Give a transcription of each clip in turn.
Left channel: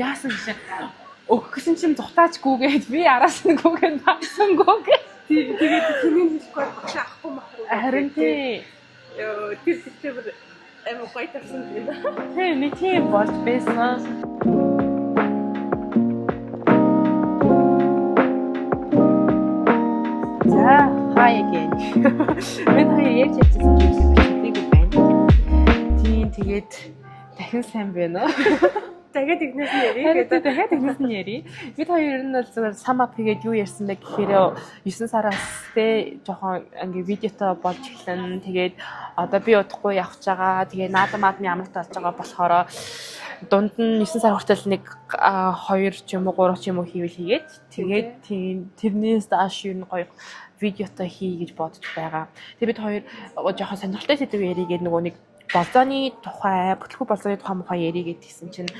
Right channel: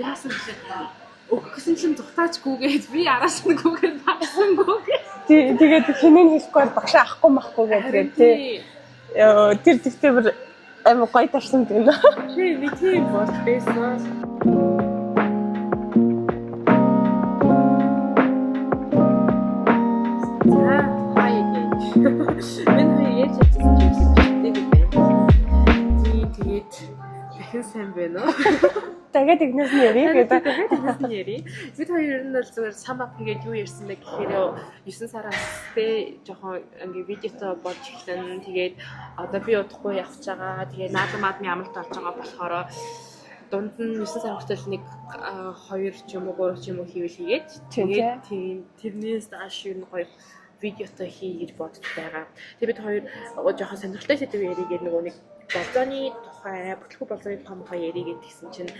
Яасан гэж өгсөн чинь зутаачгүйгээд би араас нь гүгэн багсангүйгээ. Тэгээд хинэн хэлэхгүй багшаа авахгүй махгүй гэдэг тий. Тэр тэгтээ амар гоё тарсан тийм нөө. Тий нэг тийм бол байсан. За хаяг. Энэ хоёр яаж ярьсан юм бэ? Тэгээд дахин сайн байна уу? Тэгээд игнээс нь ярий гэдэг. Тэгээд игнээс нь ярий. Бид хоёр нь бол зүгээр sum up хийгээд юу ярьсан бэ гэхээр 9 сараас те жоохон ингээ видеото болж эхлэн. Тэгээд одоо би удахгүй явж байгаа. Тэгээд наадмад амралт болж байгаа болохоор дунд нь 9 сар хүртэл нэг 2 ч юм уу 3 ч юм уу хийгээд тэгээд тэрнээс дааш юу гоё видеото хий гэж бодож байгаа. Тэгээд бид хоёр жоохон сонирхолтой сэдв яригээд нөгөө нэг болзооны тухай, бүтлгүй болзооны тухай яригээд гисэн чинь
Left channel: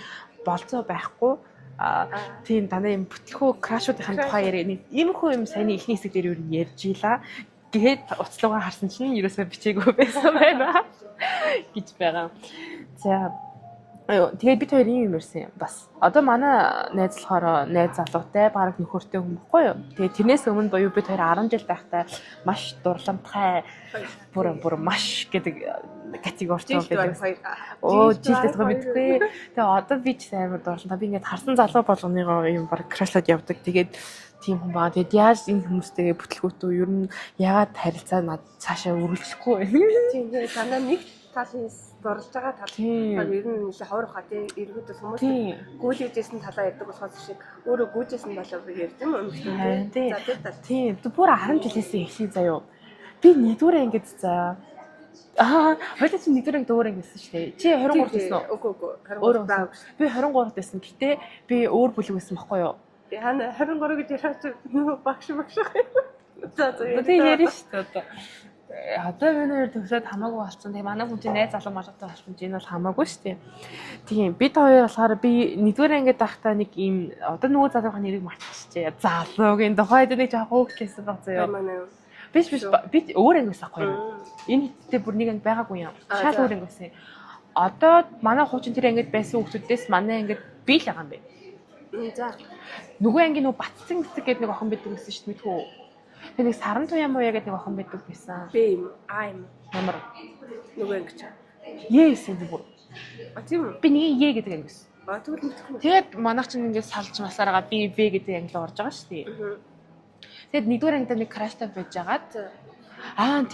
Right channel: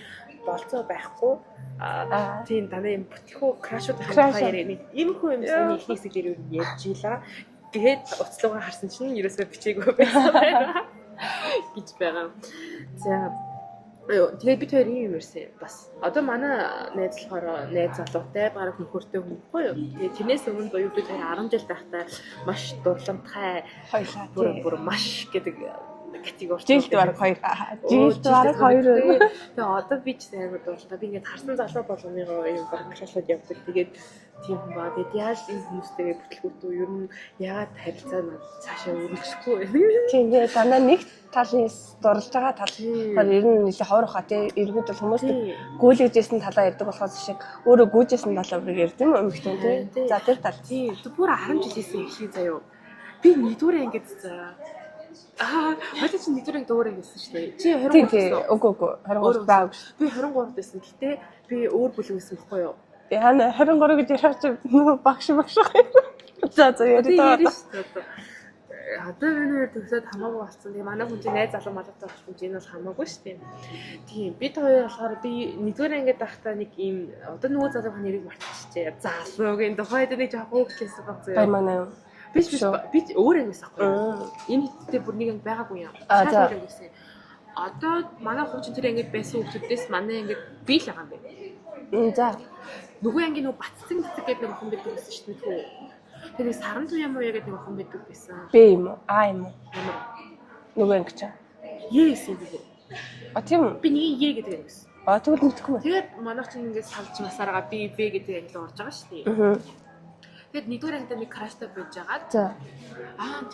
болзоо байхгүй. Тийм дана юм бүтлгүй крашуудын тухай яриад иймэрхүү юм саний ихний хэсэг дээр юу ярьж ийла. Тэгээд уцлуугаа харсан чинь ерөөсөө бичээгүй байсан байна гэж байгаа. За тэгээд бид хоёр юм ярьсан бас. Одоо манай найз болохоор найз залуутай баг нөхөртэй хүн байхгүй юу? Тэгээд тэрнээс өмнө боيو бид хоёр 10 жил байхдаа маш дурламжтай бүр маш гэдэг категорич баг хоёр. Жилдээ хоёр. Тэгээ одоо би ч амар дурламжтай. Би ингээд харсан залуу болгоныгоо юм баг крашлаад явдаг. Тэгээд тийм хүн баа. Тэгээд яаж энэ хүмүүстэйгээ бүтлгүүтүү ер нь яагаад харилцаа над цаашаа үргэлжлэхгүй вэ? Тийм дээ. Дандаа нэг талын дурлж байгаа тал ер нь нэлээ ховор хаа тий эргүүд бол хүмүүс гүйлгэжсэн талаа ярьдаг болохоос шиг өөрөө гүйжсэн талаа бүр ярьд юм өмхтэн тий. За тэр тал тий бүр 10 жилээсээ эхлэе заяо. Би нэгдүгээр ангид за хоёул чи нэгдүгээр анги дөөр ангисэн шүү дээ. Чи 23 гэсэн үү? Үгүй 23 баа. Би 23 гэсэн. Гэтэ би өөр бүлэг байсан байхгүй юу? Яна 23 гэж ярих чи багш. За яриа шүү дээ. Одоо миний хоёр төгсөөд хамаагүй болсон. Тэгээ манай хүн чинь найз залуу малгайтай болсон чинь энэ бол хамаагүй шүү дээ. Тийм бид хоёр болохоор би нэгдүгээр ангид байхдаа нэг ийм одоо нөгөө залуугийн нэрийг мартчихжээ. Залуугийн тухайд нэг жоох хөөхлөсөн баг заяа. Манай би өөр ангиас ахгүй юу? Энэ хэдтэй бүр нэг анги байгаагүй юм. Шал өөр ангиас. Одоо манай хуучин тэр ангид байсан хүмүүсээс манай ангид би л байгаа юм бэ. За нөгөө анги нөгөө Батцэн гэдэг нэг охин байдаг гэсэн шүү дээ. Тэгээ саран туяа муу яагаад нэг охин байдаг байсан. Бэ юм уу? Юм уу? Ямар нөгөө анги чаа. Yes би бүр. Тийм үү? Би нэг е гэдэг ангиас. Тэгвэл мэдхгүй байна. Тэгээд манайх чинь ингээд салж масаараа би V гэдэг анги л орж байгаа шүү дээ. Тэгэд нэгдүгээр ангид нэг краштай байж байгаа. За.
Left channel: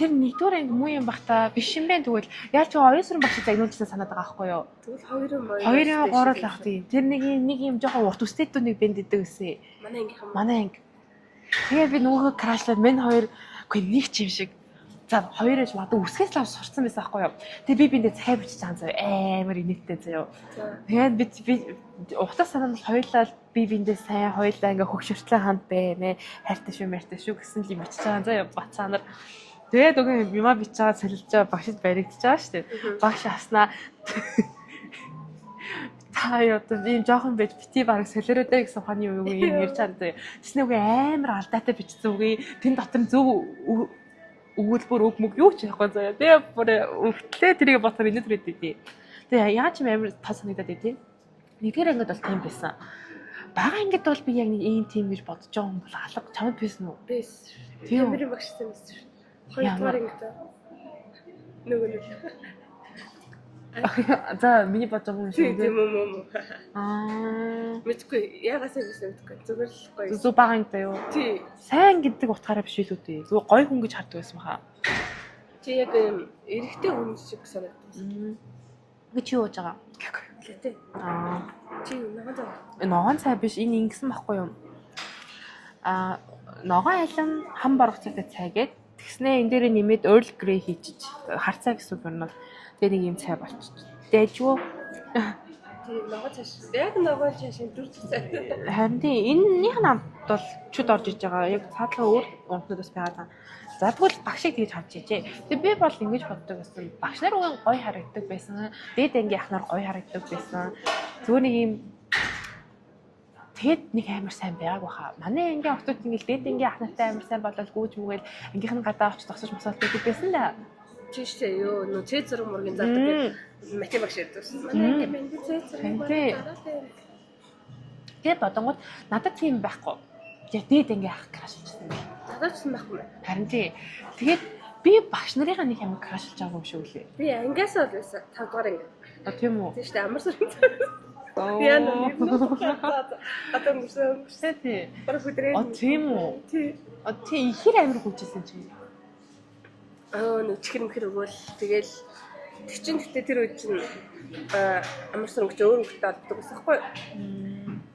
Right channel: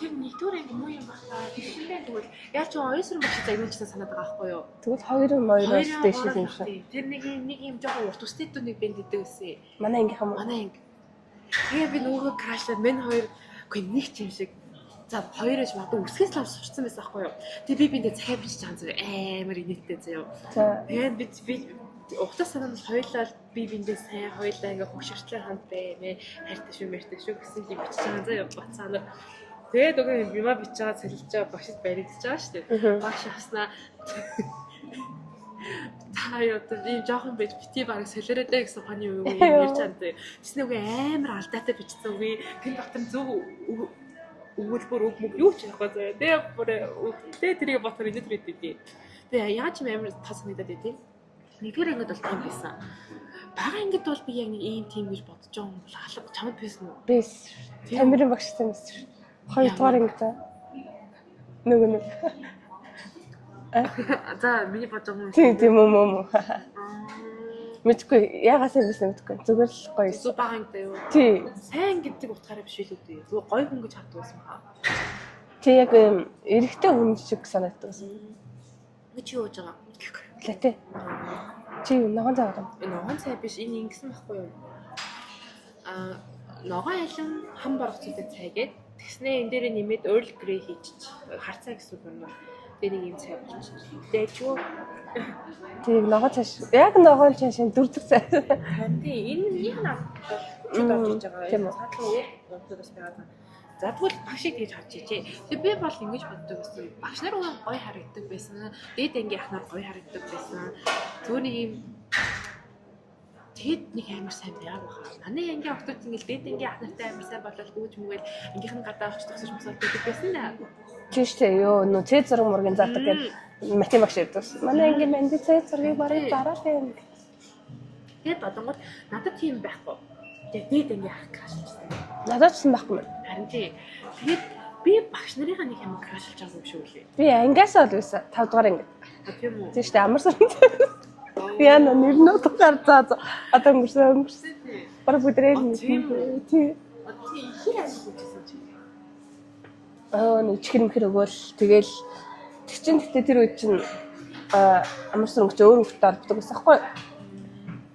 Тэр нэгдүгээр анги муу юм бах та биш юм бэ тэгвэл яаж ч оюусан багш загнуулжтай санаад байгаа байхгүй юу? Тэгвэл хоёр Тэр нэг юм жоохон урт үстэйд нэг бэнд идэг гэсэн. Манай анги хам. Манай анги. Тэгээ би нөгөө крашлаад мен хоёр үгүй нэг ч юм шиг. За хоёрооч мадаа үсгээс л сурцсан байсан байхгүй юу? Тэгээ би биндээ цай бичиж байгаа заяа амар инээдтэй заяа. За. Тэгээд би ухтаа санаад хоёулаа би биндээ сайн хоёулаа ингээ хөгшөртлээ ханд бэ хайртай шүү гэсэн л юм бичиж байгаа заяа бацаанаар. Тэгээд үгүй юма бичиж байгаа солилж байгаа багшд баригдаж байгаа шүү дээ. Багш аснаа та одоо ийм жоохон байж бити бараг солиороо гэсэн ухааны юу юм ярьж байгаа. Тэсний үгүй амар алдаатай бичсэн үгүй тэн дотор зөв өгүүлбэр үг мөг юу ч яахгүй заяа. Тэгээ бүр өвтлээ тэрийг ботор инээд үрэдээ. Тэгээ яаж юм амар тас санагдаад байдیں۔ Нэгдүгээр ангид бол тийм байсан. Бага ангид бол би яг нэг ийм тийм гэж бодож байгаа юм бол алга чамд байсан уу? Бэс. Тамирын багштай мэс. Хоёрдугаар ангид. Нэг. За миний бодож байгаа юм шиг. Тийм юм. Мэдгүй яагаас юм бэ мэдгүй. Зүгээр л гоё. Зүг бага ангидаа юу? Тий. Сайн гэдэг утгаараа биш үү дээ. Зүгээр гоё хүн гэж хардаг байсан баха. Тий яг юм эрэгтэй хүн шиг санагддаг байсан. Чи юу яаж байгаа? Латэ. Чи ногоон цай байгаа. Ногоон цай биш энэ ингэсэн байхгүй юу? Ногоон ялан хам баргацтай цай гээд тэгснээ энэ дээр нэмээд Earl Grey хийчих. Хар цай гэсэн үг юм. Тэгээ нэг юм цай болчих. Дээжвөө. Тийм ногоон цай. Яг ногоон цай шин дүрдэг цай. Харин тийм энэнийх нь бол чуд орж иж байгаа. Яг цаадлага өөр унтнаас байгаа. За тэгвэл багшийг тэгж харж ичээ. Тэгээ би бол ингэж боддог байсан. Багш нар үгүй гоё харагддаг байсан. Дээд ангийн ах нар гоё харагддаг байсан. Зүгээр нэг юм тэгэд нэг амар сайн байгааг баха. Манай ангийн охтууд ингэж дээд ангийн ах нартай амар сайн болол гүйж мүгээл ангийнх нь гадаа очиж тосож мосолдог байсан да. Тийштэй ёо нөө цэц зураг мургийн зардаг гэдэг математик багш яддаг. Манай ангийн банд цэц зургийг барыг дараалаа юм. Тэгээ бодонгууд надад тийм байхгүй. Тэгээ дээд ингээ ах крашилжсэн. Надад ч юм байхгүй. Харин тий. Тэгээд би багш нарынхаа нэг юм крашилж байгаа юм шиг үлээ. Би ангиасаа л байсан 5 дугаар анги. Тийм үү? Тийм шүү дээ амар сарын. Яна нэрнөө тухаар заа. Одоо өнгөрсөн. Тий. Бараг бүдрээ. Тийм үү? Тий. Тий ихэр амир хүчээсэн чи. Нэг чихэр мөхөр өгөөл тэгэл тэг чин гэтээ тэр үед чин амар сар өнгөч өөр хөлтөд ордог байсан хгүй.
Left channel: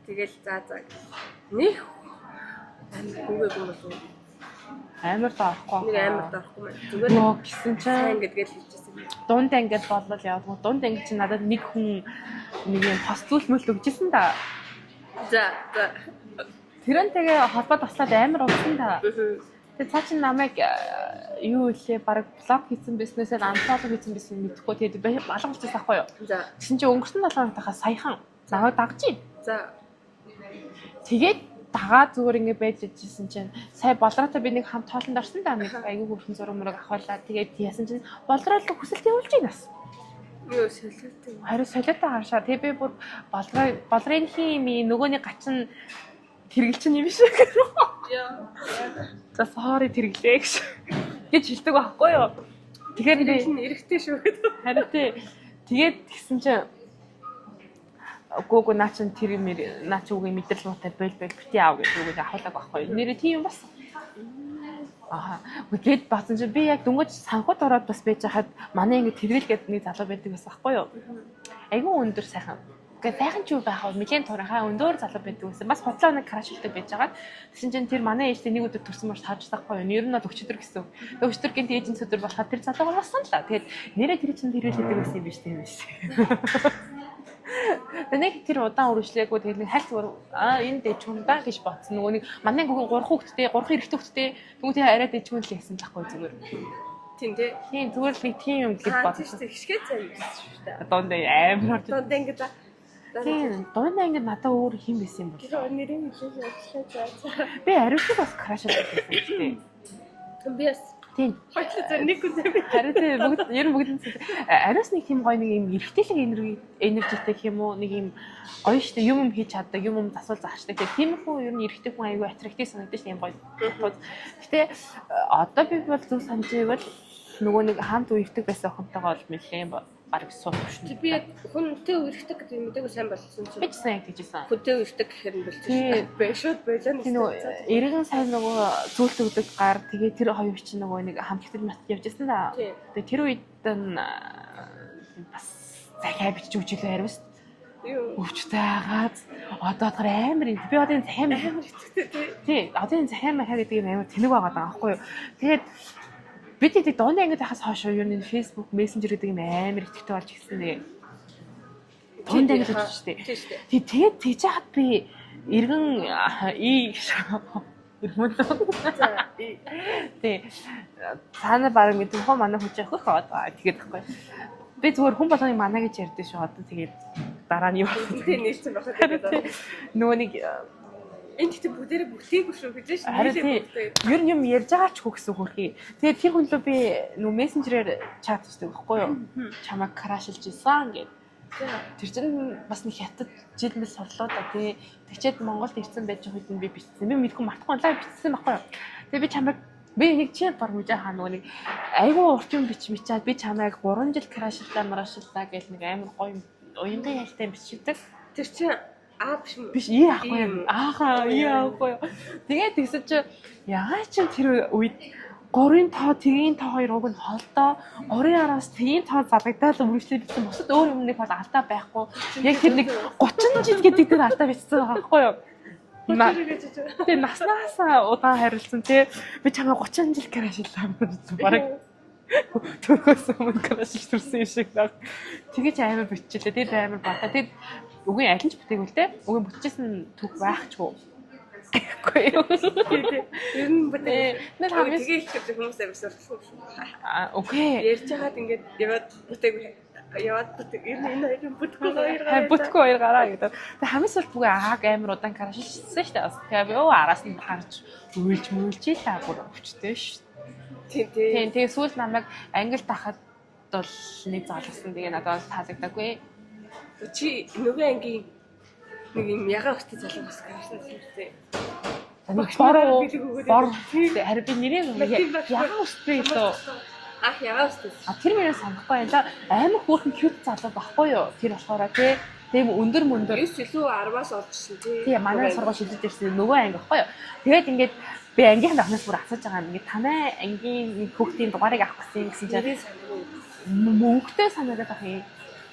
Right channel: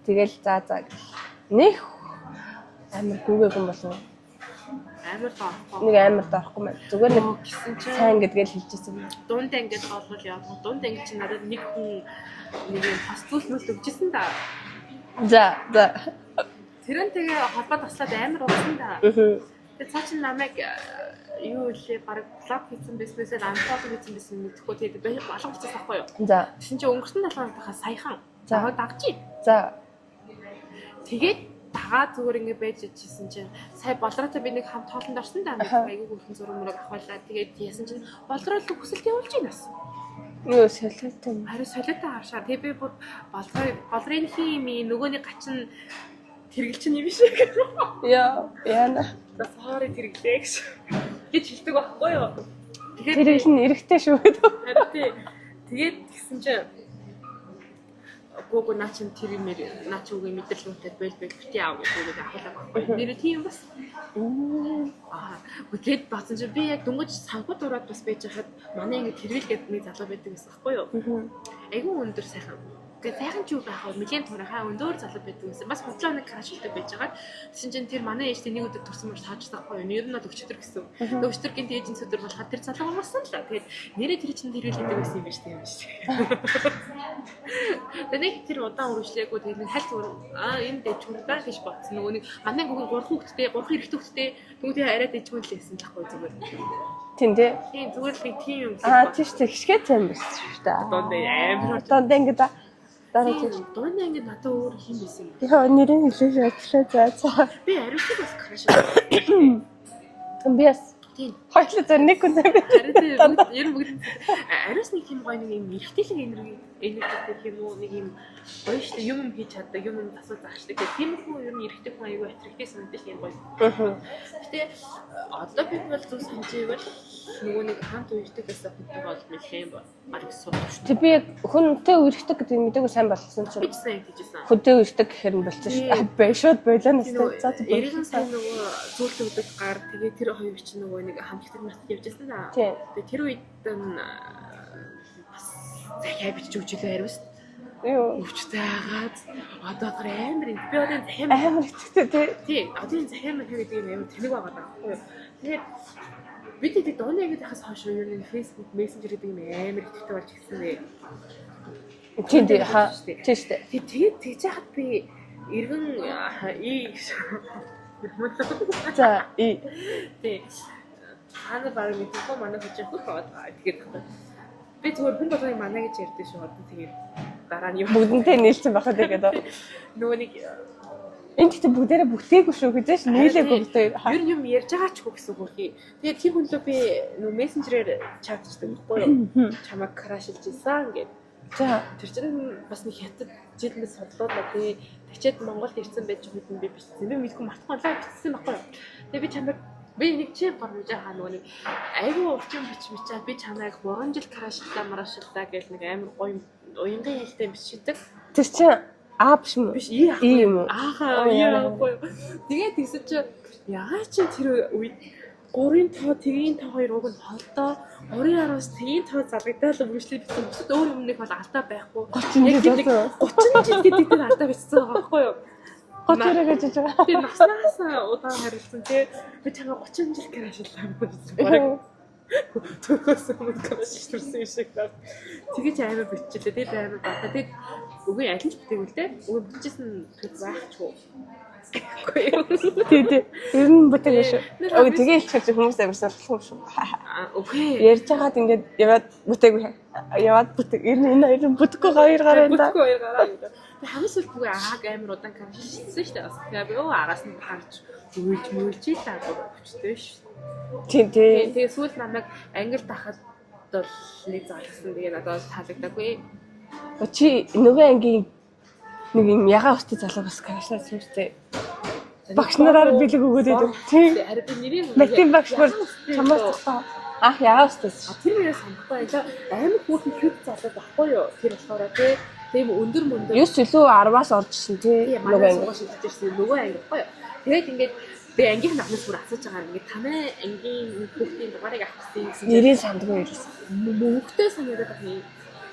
Тэгэл за нэх амар гүгээг юм болов. Амар таахгүй. Нэг амар таахгүй мэн. Зүгээр нэг гисэн чинь сайн гэдгээл хэлчихсэн. дунд ангид болол яваад дунд анги чи надад нэг хүн нэг юм постул мөл өгчээсэн да. За. Тэрнтэйгээ холбоо таслаад амар уусан да. Тэгээ цаа чин намайг юу илээ баг блог хийсэн бизнесээр анфоллог хийсэн бизнес мэдэхгүй тэгээд балан бичсэн байхгүй юу. За. Тэгсэн чи өнгөрсөн 7 хоногтойхоо саяхан заавал дагж. За. Тэгээд дагаа зүгээр ингэ байж ижсэн чинь сая болроотой би нэг хамт хоолнд орсон да нэг аягүй хөрхэн зураг мураг авахлаа тэгээд яасан чинь болроолог хүсэлт явуулж байна бас. Юу солиот юм. Харин солиотой хаашаа тэг би бүр болрын хими нөгөөний гачин тэргэлчин юм шиг. Яна. За sorry тэргэлээ гэж хэлдэг байхгүй юу. Тэгэхээр тэрэг нь эрэхтэй шүү гэдэг. харин тэгээд тэгсэн чинь гого наач тэр юм наач үгүй мэдрэл муутай бил бити аав гэж үнийг ахуулдаг байхгүй юу. Нэрээ тийм юм бас. Үгээд баасан чи би яг дөнгөж санхуд ороод бас байж хаад манай ингэ тэргэлгээд нэг залуу байдаг байсан байхгүй юу. Айгүй өндөр сайхан. Гэхдээ сайхан ч юу байх вэ? Милийн турынхаа өндөр залуу байдаг байсан. Бас хотлоо нэг крашилтай байж байгаа. Тэгсэн чинь тэр манай ээжтэй нэг өдөр төрсөн мөр таажсахгүй юу. Нэр нь бол өчтөр гэсэн. Тэгээ өчтөргийн ээжийн өдөр болоход тэр залууг болсон л. Тэгээд нэрээ тэр чинь тэрэлдэг байсан юм байна шүү. Тэнийг тэр удаан үргэлжлээгүй тэгээд нэг хальт энэ дэж хүндаа гэж бодсон. Нөгөө нэг манай гүгэн 3 хүүхэдтэй 3 эрэгтэй хүүхэдтэй тэгвэл арай дэж хүн л байсан л ахгүй зүгээр. Тийм дээ. Тийм зүгээр нэг тийм юм гэж бодсон. Тийм шүү. Хишгээ цайм байсан шүү дээ. Донд амар Донд ингэ дараа тийм. Донд ингэ надад өөр хэм байсан юм. Яа нэрийн хэлээ ажиллаа за. Би ариусыг бас краш болсон. Би бас тийм. хоёулаа зөв нэг хүн зав. Харин ер нь бүгд ариус нэг юм гоё нэг юм эргэтэйлэг энергитэй гэх юм уу нэг юм гоё штэ юм хийж чаддаг юм засвал заашдаг гэх тийм хүн ер нь эргэтэй хүн аягүй атрактив санагдаж юм гоё. Гэтэ одоо би бол зөв санаж байвал нөгөө нэг хамт үердэг байсан охинтойгоо бол нэлээд баг суудаг шүү. Тэг би яг хүнтэй үерхдэг гэдэг мэдээгүй сайн болсон чинь. Би ч сайн гэжсэн. Хүнтэй үерхдэг гэхээр нь болчих шүү. Бэшүүд байлаа нэг. Эргэн сайн нөгөө зүйлт өгдөг гар тэгээ тэр хоёр чинь нөгөө нэг хамтлагт мат явжсэн да. Тэгээ тэр үед нь бас захиа бичиж өгчлөө ариус. Юу өвчтэй хагаад одоо тэр амар юм. Би одоо энэ захиа амар итгэдэг тий. Одоо энэ захиа махаа гэдэг юм амар тэнэг байгаа даа байхгүй юу. Тэгээд бид тийм дооны ангид хахаас хойш юу нэг Facebook Messenger гэдэг юм амар итгэвтэй болж ирсэн нэ. Тийм дээ хаа. Тийм шүү дээ. Тэгээд тэгж хаад би эргэн За тий. Цаана баг мэдэн хоо манай хүч явах аа тэгээд байхгүй. Би зүгээр хүн болгоныг манай гэж ярьдээ шүү. Одоо тэгээд дараа нь бүгдэнтэй нийлсэн байхад тэгээд нөгөө нэг энэ гэхдээ бүгдээрээ бүтээгүй шүү гэж нийлээгүй гэдэг. Ер нь юм ярьж байгаа ч хөө гэсэн хөрхий. Тэгээд тэр хүн лөө би нөгөө мессенжерээр чатчдаг байхгүй юу? Чамайг крашилж исэн гэд. За тэр чинь бас нэг хятад жилмэл содлоо да тий. Тэгчээд Монголд ирсэн байж байгаа үед нь би бичсэн. Би мэдгүй мартахгүй лаа бичсэн байхгүй юу? Тэгээд би чамайг би нэг чи баруужаа хаа нөгөө нэг айгүй урт юм бичмичаад би чамайг 3 жил крашилтаа марашилтаа гэж нэг амар гоё уянгаа ялтай бичдэг. Тэр чинь биш юм биш юм ааха яахгүй. Тэгээд тэгсэн чи яагаад ч тэр үед 3-ын тоо тэгийн тоо хоёр уг нь холдоо 3-аас тэгийн тоо залгадаад үргэлжлээ бичсэн. Бусад өөр юм нэг бол алдаа байхгүй. Яг тэр нэг 30 жил гэдэг тэр алдаа бичсэн байгаа байхгүй юу? 30 гэж байгаа. Тэр наснаас удаан харилцсан тий. Би чамаа 30 жил крашиллаа гэсэн баг. Төрөөс өмнө крашилж төрсөн шиг баг. Тэгэж амар биччихлээ. Тэр амар бата. Тэгээд үгүй аль ч бүтээгүй л те. Үгүй бүтчихсэн түүх байхчгүй. Гэхгүй юу. Тий. Ер нь бүтээгүй шүү. Үгүй тэгээ хэлчих хүмүүс амарсан болох шүү. Үгүй. Ярьж хагаад ингээд яваад бүтээгүй. Яваад бүтээг. Ер нь энэ хоёр бүтэхгүй хоёр гараа энэ. Бүтэхгүй хоёр гараа гэдэг. Тэг хамаас л бүгэ ааг амар удаан крашилжсэн шүү дээ. Тэгээ би араас нь харж үйлж та өвчтэй шүү. Тийм. Тэгээ сүүл намайг англи тахад бол нэг зоолсон. Тэгээ надад таалагдаагүй. Чи нөгөө ангийн нэг юм ягаан өстэй залуу бас кашнаа сүртэй. Багш нараар бэлэг өгөөд байдаг. Тийм. Харин би нэрийг Матем багш нар ягаан өстэй. тэр мөрөө санахгүй юм. Амар хөөрхөн cute залуу байхгүй юу? Тэр болохоор тий. Тийм өндөр мөндөр 9 илүү 10-аас орж ирсэн тий. Тийм манай сургууль шилжиж ирсэн нөгөө анги байхгүй юу? Тэгээд ингээд би ангийнхаа дахнаас бүр асууж байгаа юм. Ингээд танай ангийн хүүхдийн дугаарыг авах гэсэн чинь нэрийг сандгүй ирсэн. мөнгөтэй санагдаад байх юм.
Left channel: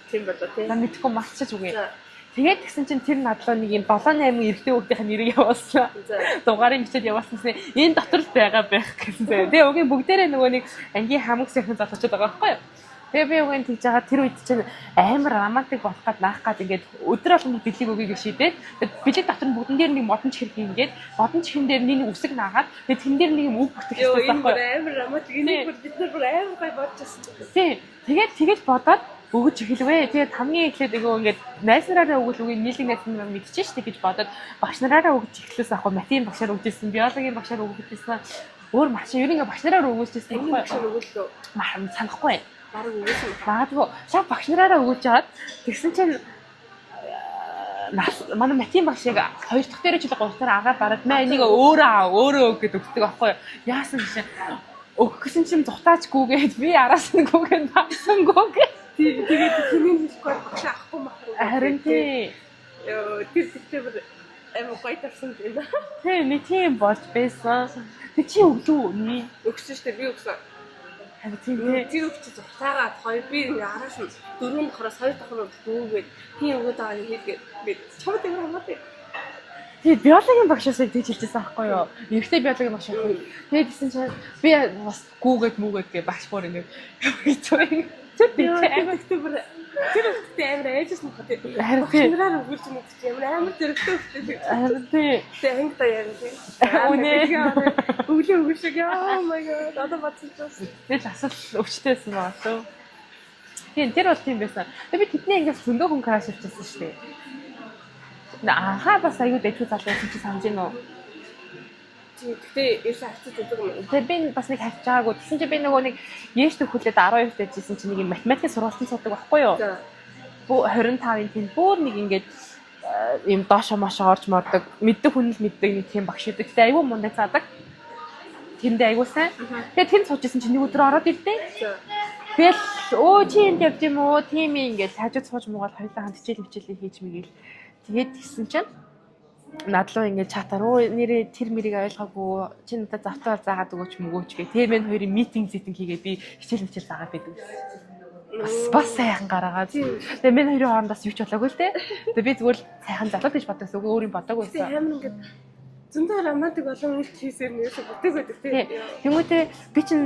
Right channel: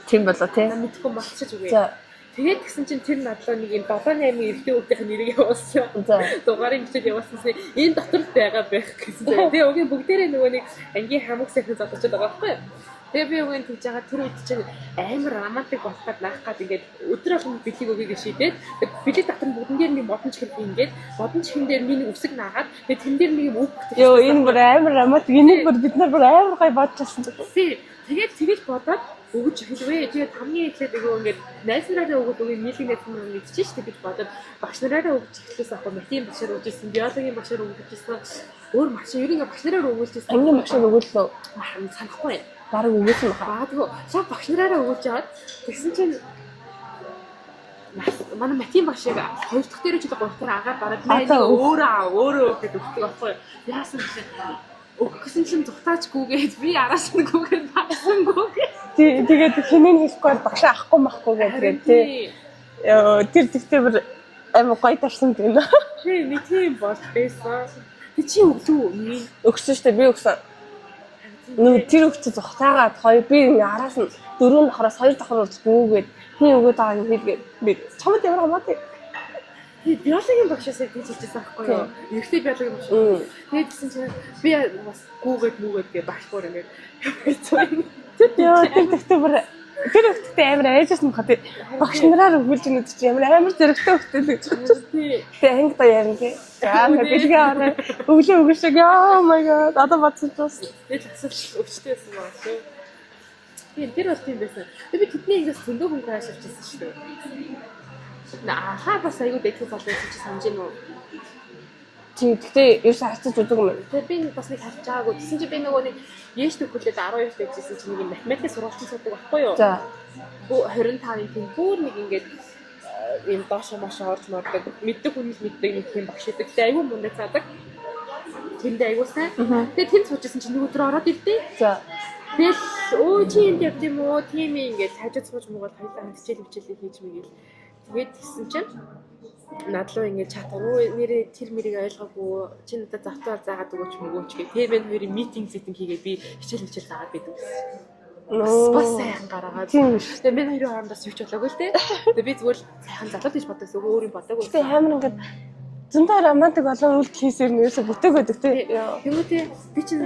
Тийм болоо тий. Мэдхгүй мартчих үгүй. За. Тэгээд тэгсэн чинь тэр надлаа нэг юм 7-8 эрдээ хүүхдийн нэрийг явуулсан. За. Дугаарыг бичээд явуулсан чинь энэ дотор л байгаа байх гэсэн. Тэгээ өгийн бүгдээрээ нөгөө нэг ангийн хамаг сайхан залуучууд байгаа байхгүй юу? Тэгээ би үгийн тэгж байгаа тэр үед чинь амар романтик болох гад наах гад ингээд өдөр болгоны бэлэг өгье гэж шийдээд бэлэг дотор нь бүгднээр нэг модон чихэр ингээд модон чихэн дээр нэг үсэг наагаад тэгээ тэн дээр нэг юм үг бүтгэж ёо энэ бүр амар романтик энийг бүр бид нар бүр амар гой бодчихсон. Тийм. Тэгээд тэгэж бодоод өгөж эхэлвэ. Тэгээд хамгийн эхлээд нөгөө ингээд найз нараараа өгөл үгүй нийлэг найз нар мэдчихэж штэ гэж бодоод багш нараараа өгч эхлээс ахгүй математикийн багшаар өгчээсэн, биологийн багшаар өгчээсэн. Өөр маш ер нь багш нараараа өгүүлжсэн. Ангийн багшаар өгөөлөө санахгүй. бараг өгөөсөн магадгүй шав багш нараараа өгүүлж аваад тэгсэн чинь манай математикийн багшийг 2 дахь дээр ч или 3 дахь дээр агаар дараад нэг өөрөө өгöd өгдөг аахгүй яасан гэж өгөх гэсэн чинь зутаачгүйгээд би араас нь гүгэн багсангүйгээ тэгээд хинэн хэлэхгүй багшаа авахгүй махгүй гэдэг тий тэр тэгтээ бүр амар гоё тарсан гэнэ тий нэг тийм болж байсан тэг чи өглөө өгсөн штэ би өгсөн нэг тэр өгч зутаагаад хоёр би араас нь 4 давхраас 2 давхар урд гүгээд тий өгөөд байгаа юм хэлгээд би чамд ямар хамаатай тий биологийн багшаас тэгж хэлжсэн аахгүй юу эрэгтэй биологийн багш тэгээд тэгсэн чинь би бас гүүгээд мүгээд гэ багш бүр ингэ тэр өгтөд амар айжсэн юм хаа багш нараар өгүүлж байгаа гэдэг чинь амар зэрэгтэй өгтөд гэж тий анги та ярина тий өглөө өгөөшөг oh my god одоо бодсон ч тэгэл асуулт өгчтэйсэн байгаа шүү тий тэр бол тийм байсан би тэдний ингээс зөндөө хүн краш авчихсан шүү дээ бас аюу дэхтэй залуу чи санаж гин үү тий гэхдээ ерөөс харцаж үзэг юм тий би бас нэг харж байгаагүй тэгсэн чи би нөгөө нэг яэш төгөлөд 12 дэжсэн чи нэг математик сургалтын суудаг байхгүй юу за 25-ын тийм бүр нэг ингээд юм доошо мошо орж мордог мэддэг хүн л мэддэг нэг тийм багш идэг тэгээ аюу мундаг цаадаг тэндээ аюу сайн тэгээ тэнд суужсэн чи нэг өдөр ороод ирдээ за тэгэл өө чи энд явд юм уу тийм ингээд хажууд сууж муугаад хоёулаа хамт хичээлээ хийж мэгэл тэгээд гисэн чинь надлуу ингээд чатаар нэрээ тэр мэрийг ойлгоогүй чи надад завтаар заагаад өгөөч мөгөөч гэх тийм энэ хоёрын митинг хийгээд би хичээл заагаад байдаг бас сайхан гараагаад тэгээ мен хоёрын хоорондоос юу ч болоогүй л те тэгээ би зүгээр сайхан залуу гэж боддог үгүй өөрийн бодоогүй тэгээ амар ингээд зөндөө романтик болон үйлдэл хийсээр нэрсээ бүтээг байдаг те тэмүүтээ би чинь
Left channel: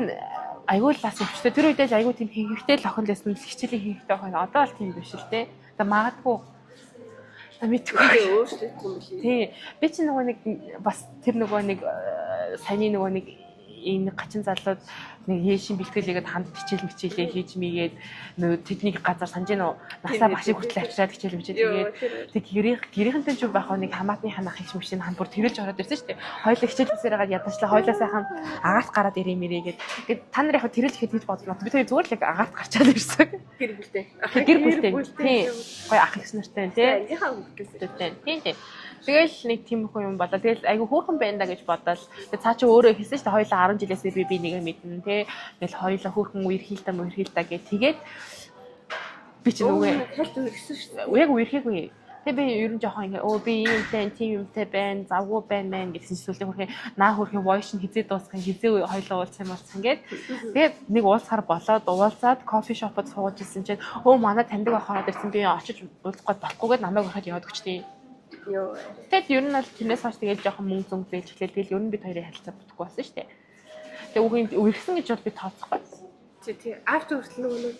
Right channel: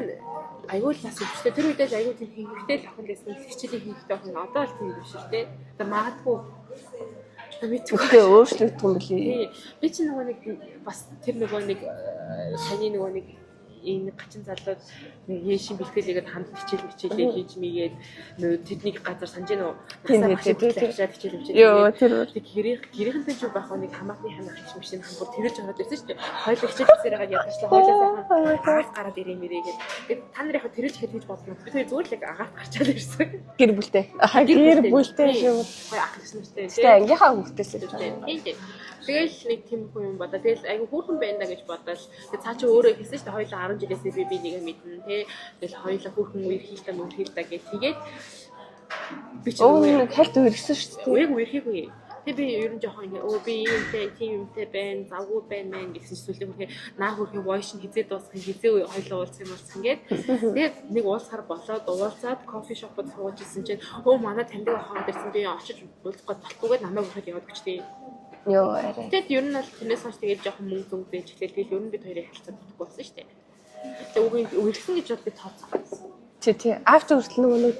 аюул бас өвчтэй тэр үедээ л аюул тийм хийхтэй л охин лсэн хичээлийн хийхтэй охин одоо л тийм биш л те тэгээ магадгүй мэдгүй өөрчлөгдөх юм билий. Тий. Би чи нөгөө нэг бас тэр нөгөө нэг саяны нөгөө нэг энэ гачин залууд нэг яшин бэлтгэлээгээд ханд хичээлээ хийж мийгээд нөгөө тэднийг газар санаж гинөө насаа багшиг хүртэл авчираад хичээл мичээл. Йоо тэр тэг гэрийнхэнтэй ч байх нэг хамаатны ханах их машин хан бүр тэрэлж ороод ирсэн шүү дээ. Хоёулаа хичээлээсээ гараад ядачлаа хоёулаа сайхан агаарт гараад ирээ мэрийгээд. Тэгээд та нар яг тэр л ихэд хийж бодлоо. Би тэр зүгээр л агаарт гарчаад ирсэн. Гэр бүлтэй. Гэр бүлтэй. Гоё ах их нартай тий. Ангийнхаа хүүхдээс л тий. Тэгэл нэг тийм их юм болоо. Тэгэл айгу хөөрхөн байна да гэж бодоод. Тэгээ цаа чи өөрөө хэлсэн шүү дээ. Хоёулаа 10 жилээсээ би нэг мэднэ тий. Тэгэл хоёулаа хөөрхөн үерхийлтэ мөрхийлтэ гэх тэгээд би ч нэг хальт үерхсэн шүү дээ. Яг үерхийгүй. Тэгээ би ер нь жоохон ингээ би юмтай тийм юмтай байна. Завгүй байна гэсэн зүйлээ хөрхөө наа хөрхөө voice нь хизээ дуусгах хизээ хоёулаа уулзсан болсон гээд. Тэгээд нэг уулзахаар болоод уулзаад кофе шопод сууж исэн чинь манай таньдаг ахаад ирсэн би очиж уулзах гээд болохгүйгээд намайг өрхөд яваад өгчтэй. Йоо арай. Тэгээд ер нь бол тэрнээс хойш тэгээд жоохон мөнгө зөнгөлж эхлэв. Тэгэл ер нь бид хоёрын харилцаа бүтэхгүй болсон шүү дээ. Тэгээд үгүй үерхсэн гэж бол би тооцохгүй. Тий. After хүртэл нэг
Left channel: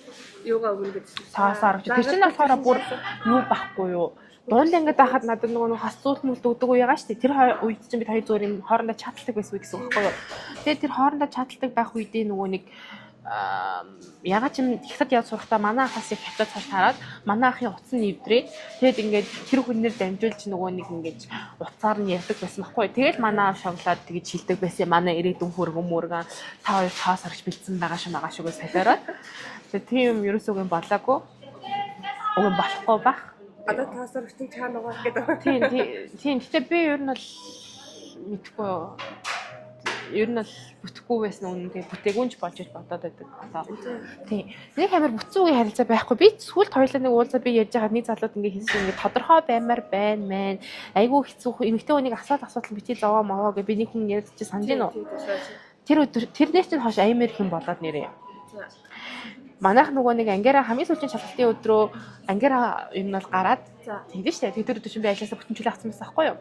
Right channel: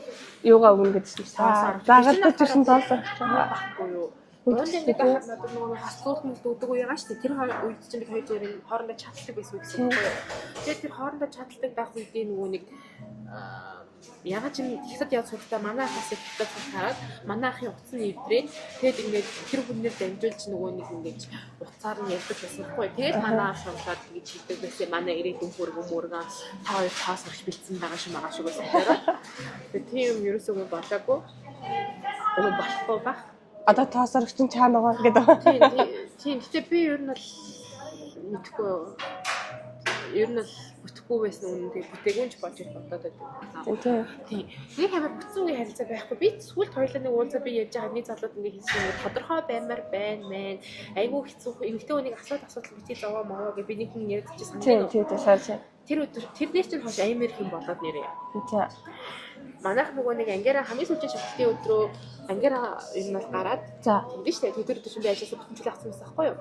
юугаа өгнө гэдсэн. Саасаар. Тэр чинь юу байхгүй юу? Доонд ингээд байхад надад нөгөө хасцуулт мүлд өгдөг уу ягаа штэ. Тэр үед чинь бид хоёр зүгээр энэ хоорондоо чаталдаг байсан үг гэсэн үг байхгүй юу? Тэгээд тэр хоорондоо чаталдаг байх үедээ нөгөө нэг ягаад ч юм хятад явж сурахдаа манай ахаас их хятад цал хараад манай ахын утас нь эвдрээ. Тэгэд ингээд тэр хүнээр дамжуулж нөгөө нэг ингээд утсаар нь ярьдаг байсан байхгүй. Тэгэл манай шавлаад тэгж хилдэг байсан. Манай ирээдүйн хөргөн та хоёр цаас орж бэлдсэн байгаа шүү магаа шүүгээс хэлээрээ. Тэгээ тийм ерөөсөө юм болоогүй. Уг болохгүй бах. Одоо тоосорч чинь чаана байгаа гэдэг. Тийм. Гэтэ би ер нь бол мэдхгүй юу. Ер нь бол бүтэхгүй байсан үнэндээ бүтээгүнч болж бодоод байдаг. Тийм. Нэг амар бүтсэн үеийн харилцаа байхгүй. Би сүүлд хоёулаа нэг уулзаа би ярьж байгаа нэг залууд ингээ хэлсэн ингээ тодорхой баймаар байна мэн. Айгүй хэцүү эмэгтэй хүнийг асуудал битгий зовоо маваа гэж би нэг хүн ярьж санаж байна. Тийм. Тэр өдөр тэрнээс чинь хойш аймаар их юм болоод нэрээ. Тийм. Манайх нөгөө нэг ангиараа хамгийн сүүлийн шалгалтын өдрөө ангиараа юм бол гараад тэгдэж штэ. Тэр өдөр чинь би ажилласаа бүтэнчлээ авсан байсан байхгүй юу?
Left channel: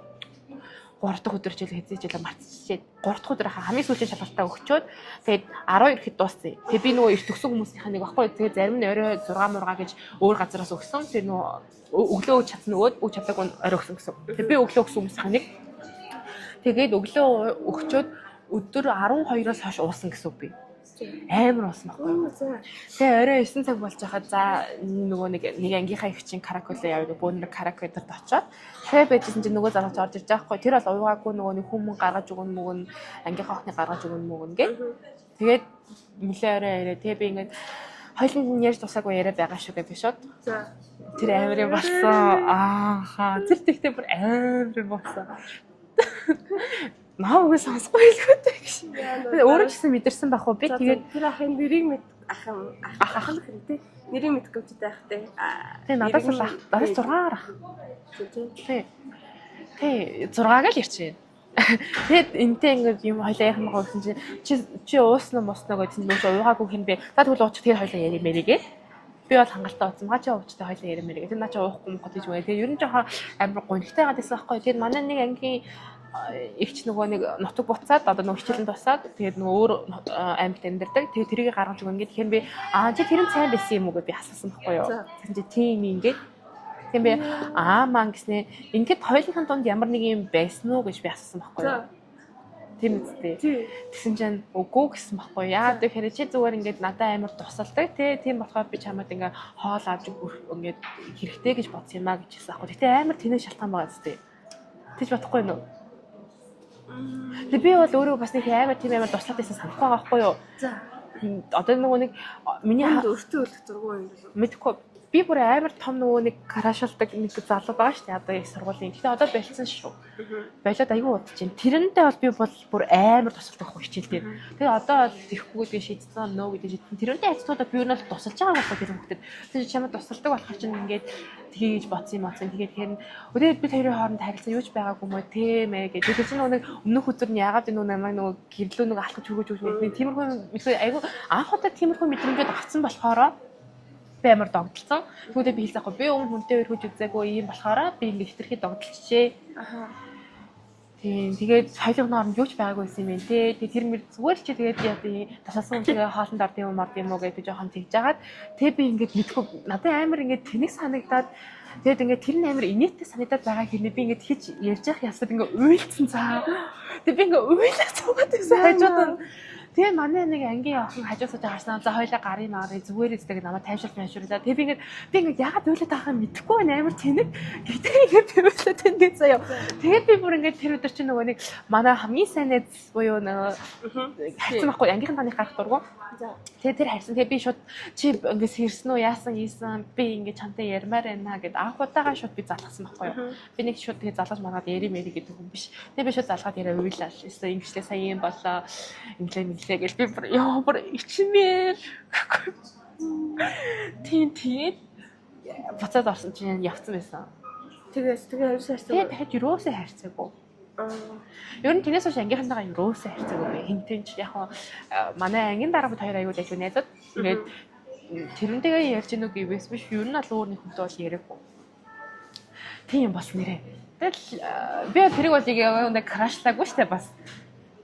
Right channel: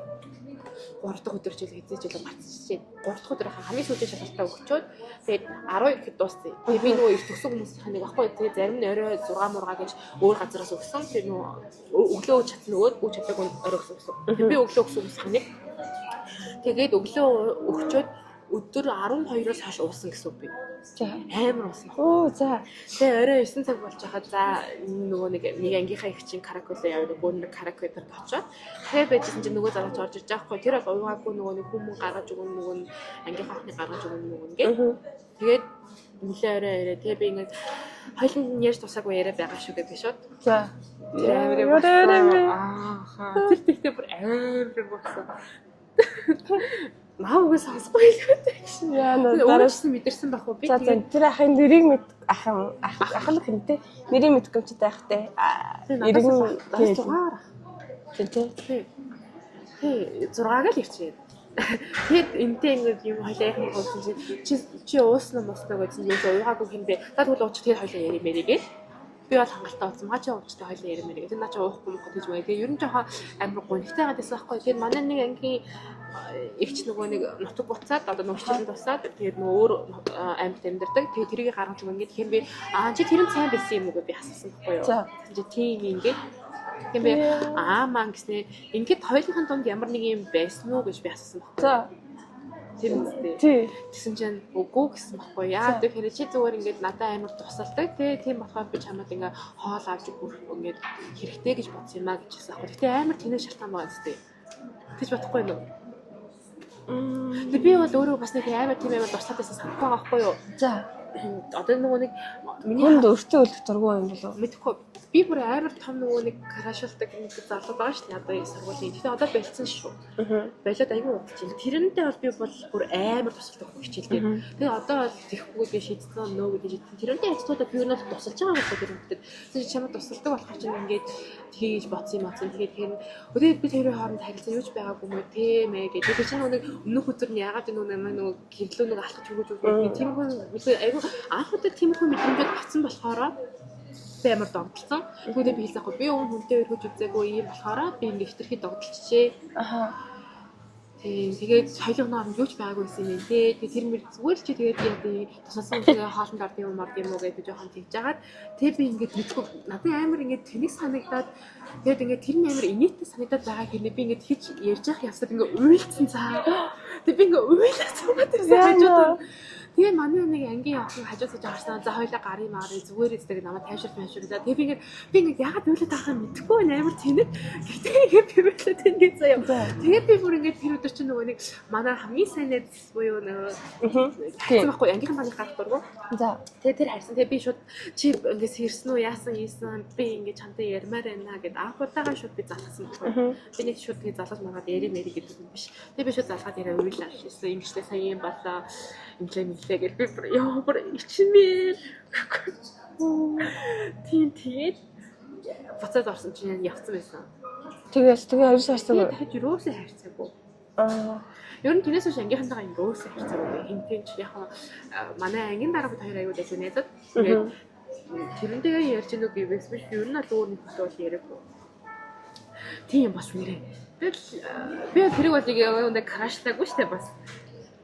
3 дахь өдөр ч л хэзээ мартчихжээ. 3 дахь өдөр хамгийн сүүлийн шалгалтаа өгчөөд тэгээд 12 ирэхэд дууссан. Тэгээд би нөгөө эрт төгсөн хүмүүсийнхаа нэг байхгүй. Тэгээд зарим нь орой 6 мурга гэж өөр газараас өгсөн. Тэгээд нөгөө өглөө өгч чадсан нөгөөд өгч чаддаг нь орой өгсөн гэсэн. Тэгээд би өглөө өгсөн хүмүүсийнхаа нэг тэгээд өглөө өгчөөд өдөр 12-оос хойш уусан гэсэн би. Амар уусан баггүй. Тэгээ орой 9 цаг болж байхад за нөгөө нэг ангийнхаа их чинь караколе яваад бөөнөр каракедерт очоод тэгээ байжсэн чинь нөгөө залууч орж ирж байгаа хгүй. Тэр бол уйгаагүй нөгөө нэг хүмүүс гаргаж өгнө мөгн ангийнхаа охны гаргаж өгнө мөгн гэ. Тэгээд нилээ орой яриа. Тэгээ би ингээд хоёулын ярьж тусаагүй яриа байгаа шүү гэж би шууд. Тэр амар юм болсон. Тэр тэгтээ бүр амар юм болсон. Наагүй сонсохгүй хэлэхтэй гэсэн яа. Өөрөө ч гэсэн мэдэрсэн байх уу би тэгээд тэр ахын нэрийг ахын хэмтэй нэрийг мэдгүй ч таахтай. Нэрийг 6-аар. Тий. 6-аг л ярьчихээ. Тэгээд энтэй ингээд юм хоёлаа яхан гоосон чи ууснаа мосноо гэсэн чинь уйгаагүй хин бэ. Та тэгвэл уучих тэр хоёлаа яри мэрийгээ. Би бол хангалттай уцсан. Хачаа уучтай хоёлаа яри мэрийгээ. Тэр наа чи уухгүй мохот гэж байгаа. Тэгээд ер нь жоохон амар гонхтой гадаг байхгүй. Тэгээд манай нэг ангийн ихч нөгөө нэг нутаг буцаад одоо нөгөө хичээлэн тусаад тэгээд нөгөө өөр аймагт амьдардаг. Тэгээд тэрийг гаргаж өгнө гэдэг. Тэгэхээр би чи тэр нь сайн байсан юм уу гэж би асуусан байхгүй юу. Тэгэхээр чи тийм ингээд тийм би маань гэснээр ингээд хоёулынхаа донд ямар нэг юм байсан уу гэж би асуусан байхгүй юу. Тийм үстэй. Тэгсэн чинь үгүй гэсэн байхгүй яа. Тэгэхээр чи зүгээр ингээд надад амар тусалдаг тийм болохоор би чамд ингээд хоол авч ингээд хэрэгтэй гэж бодсон юм а гэж хэлсэн байхгүй. Гэтэ амар тэнэг шалтгаан байгаа үстэй. Тэгж бодохгүй юу? Би бол өөрөө бас нэг амар тийм амар туслаад байсан санахгүй байгаа байхгүй юу? Одоо нөгөө нэг миний ханд өртөө өлдөх дургүй юм болов. Мэдхгүй. Би бүр амар том нөгөө нэг карашуулдаг нэг залуу байгаа шүү дээ. Одоо их сургуулийн. Гэтэ одоо болцсон шүү. Болоод аягүй удаж. Тэрнтэй бол би бол бүр амар тусалдаг байхгүй хичээл дээр. Тэгээ одоо бол ирэхгүй би шийдсэн нөө гэдэг шийдсэн. Тэрнтэй ажлуудаа би юу нь тусалж байгаа гэсэн тэр хөлтөд. Тэгээ чамд тусалдаг болохоор чинь ингээд тгийж бодсон юм аа. Тэгээд тэгэхээр өдөө бид хоёрын хооронд харилцаа юуж байгаагүй мó тийм ээ гэж. Тэгээ чинь нөгөө өмнөх өдөр нь яагаад нөгөө намайг нөгөө гэрлөө нөгөө алхаж өгөөж би тийм хүн аягүй анх удаа тийм хүн мэдрэмжэд авсан болохоор би амар догдолцсон. Тэгвэл би хэлсэхгүй би хүнтэй өргөж үзээгүй юм болохоор би ингэ хитрхи догдолчжээ. Тийм тэгээд хоёулын хооронд юу ч байгаагүй юм байна те. Тэр мэр зүгээр л чи тэгээд яа тийм тусалсан үгээ хоолнд орд юм уу гэж би жоохон тэгж жагаад тэгээд би ингэ мэдхгүй надад амар ингэ тэнэг санагдаад тэгээд ингэ тэр нь амар инээдтэй санагдаад байгаа хэрнээ би ингэ хийж ярьж явах ясад ингэ уйлцсан цаа. Тэгээд би ингэ уйлах цаагаад байсан хажууд. Тэгээ манай нэг ангийн охин хажуусаж харснаа за хоёлаа гарын маарыг зүгээр эсдэг намайг тайвшруулаад. Тэгээ би ингээд яагаад уйлаад байгааг мэдэхгүй байна амар тэнэг. Гэтэ ингээд би уйлаад тэнэг заяа. Тэгээд би бүр ингээд тэр өдөр чинь нөгөө нэг манай хамгийн сайн найз буюу нөгөө хайсан байхгүй ангийнхан таних гарах дургу. За тэгээ тэр харсан. Тэгээ би шууд чи ингээд сэрсэн үү яасан ийсэн би ингээд чамтай ярмаар байна гэд анх удаага шууд би залгасан байхгүй. Би нэг шууд тэгээ залгаж маргаад яри мэри гэдэг юм биш. Тэгээ би шууд залгаад яриа уйлаа. Эсвэл ингэжлээ сайн юм болоо. Инглээ би бүр ичмээр тийм буцаад орсон чинь явцсан байсан. Тэгээ хоёр шаарцсан. Дахиад юусаа хайрцаагүй. Ер нь тэгээс хойш ангийнхантайгаа юусаа хайрцаагүй. Хинтэн ч яг манай ангийн дарга хоёр аягүй дайгуу найзад. Тэгээд тэрнтэйгээ ярьж гэнэ үг биш биш. Ер нь л өөр нэг хүнтэй бол яриаггүй. Тийм бас нэрээ. Тэгэл би тэрийг бол яг крашлаагүй штэ бас.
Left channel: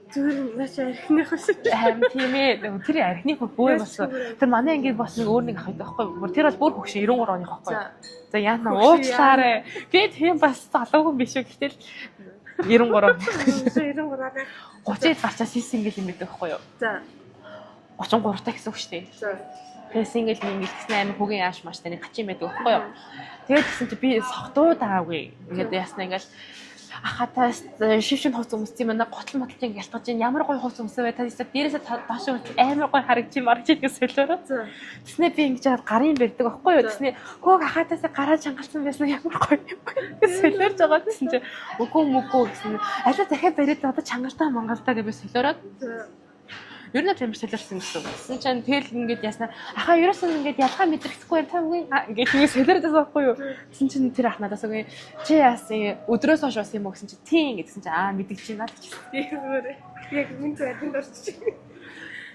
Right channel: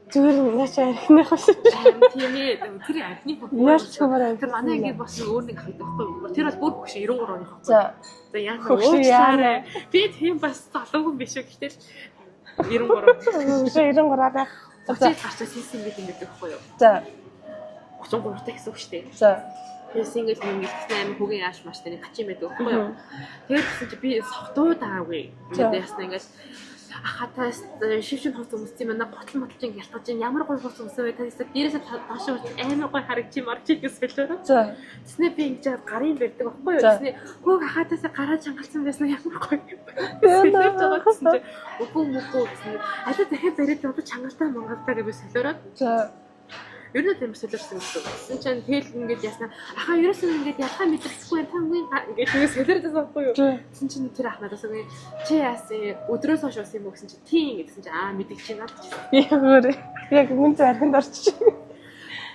Зүгээр наачаа архиных бас харин тийм ээ тэр архины бүр тэр манай ингээд бас өөр нэг ахдаг байхгүй тэр бол бүр хөгш 93 оны байхгүй за яана уучлаарай би тийм бас залуугүй биш үү гэтэл 93 93-аа 30-д гарчаас сингл юм байдаг байхгүй юу за 33 та гэсэн үг шүү дээ за тэгээ сингл юм гэсэн амар хөгийн яаш маш тань хачин байдаг байхгүй юу тэгээд гэсэн чи би согтуу даагүй ингээд ясна ингээд ахаа та шившин хууц өмссөн юм байна. Готл мотлж ингэ ялтгаж ин ямар гоё хууц өмсөн бай. Та дээрээсээ доош амар гоё харагдчих гэж солиороо. Тэснэ би ингэж жаад гарын бэрдэг аахгүй юу. Тэснэ хөөх ахаатаасаа гараа чангалсан байсан ямар гоё юм бэ. Солиорж байгаа гэсэн чинь үгүй мөкөө гэсэн. Алуу дахиад бариад одоо чангалтаа Монголдаа гэж би солиороод. Ер нь тийм солиорсон гэсэн. Тэсэн чинь тэгэл ингэж яснаа ахаа ерөөсөн ингэж ялгаа мэдрэхгүй та үгүй ингэж ингэ солиордсон байхгүй юу. Тэсэн чинь тэр ах надаас үгүй чи яасан өдрөөс хойш уусан юм уу гэсэн чинь тийм гэсэн чинь мэддэг чи надад ч Яагаад яг мөнтэй архинд орчих.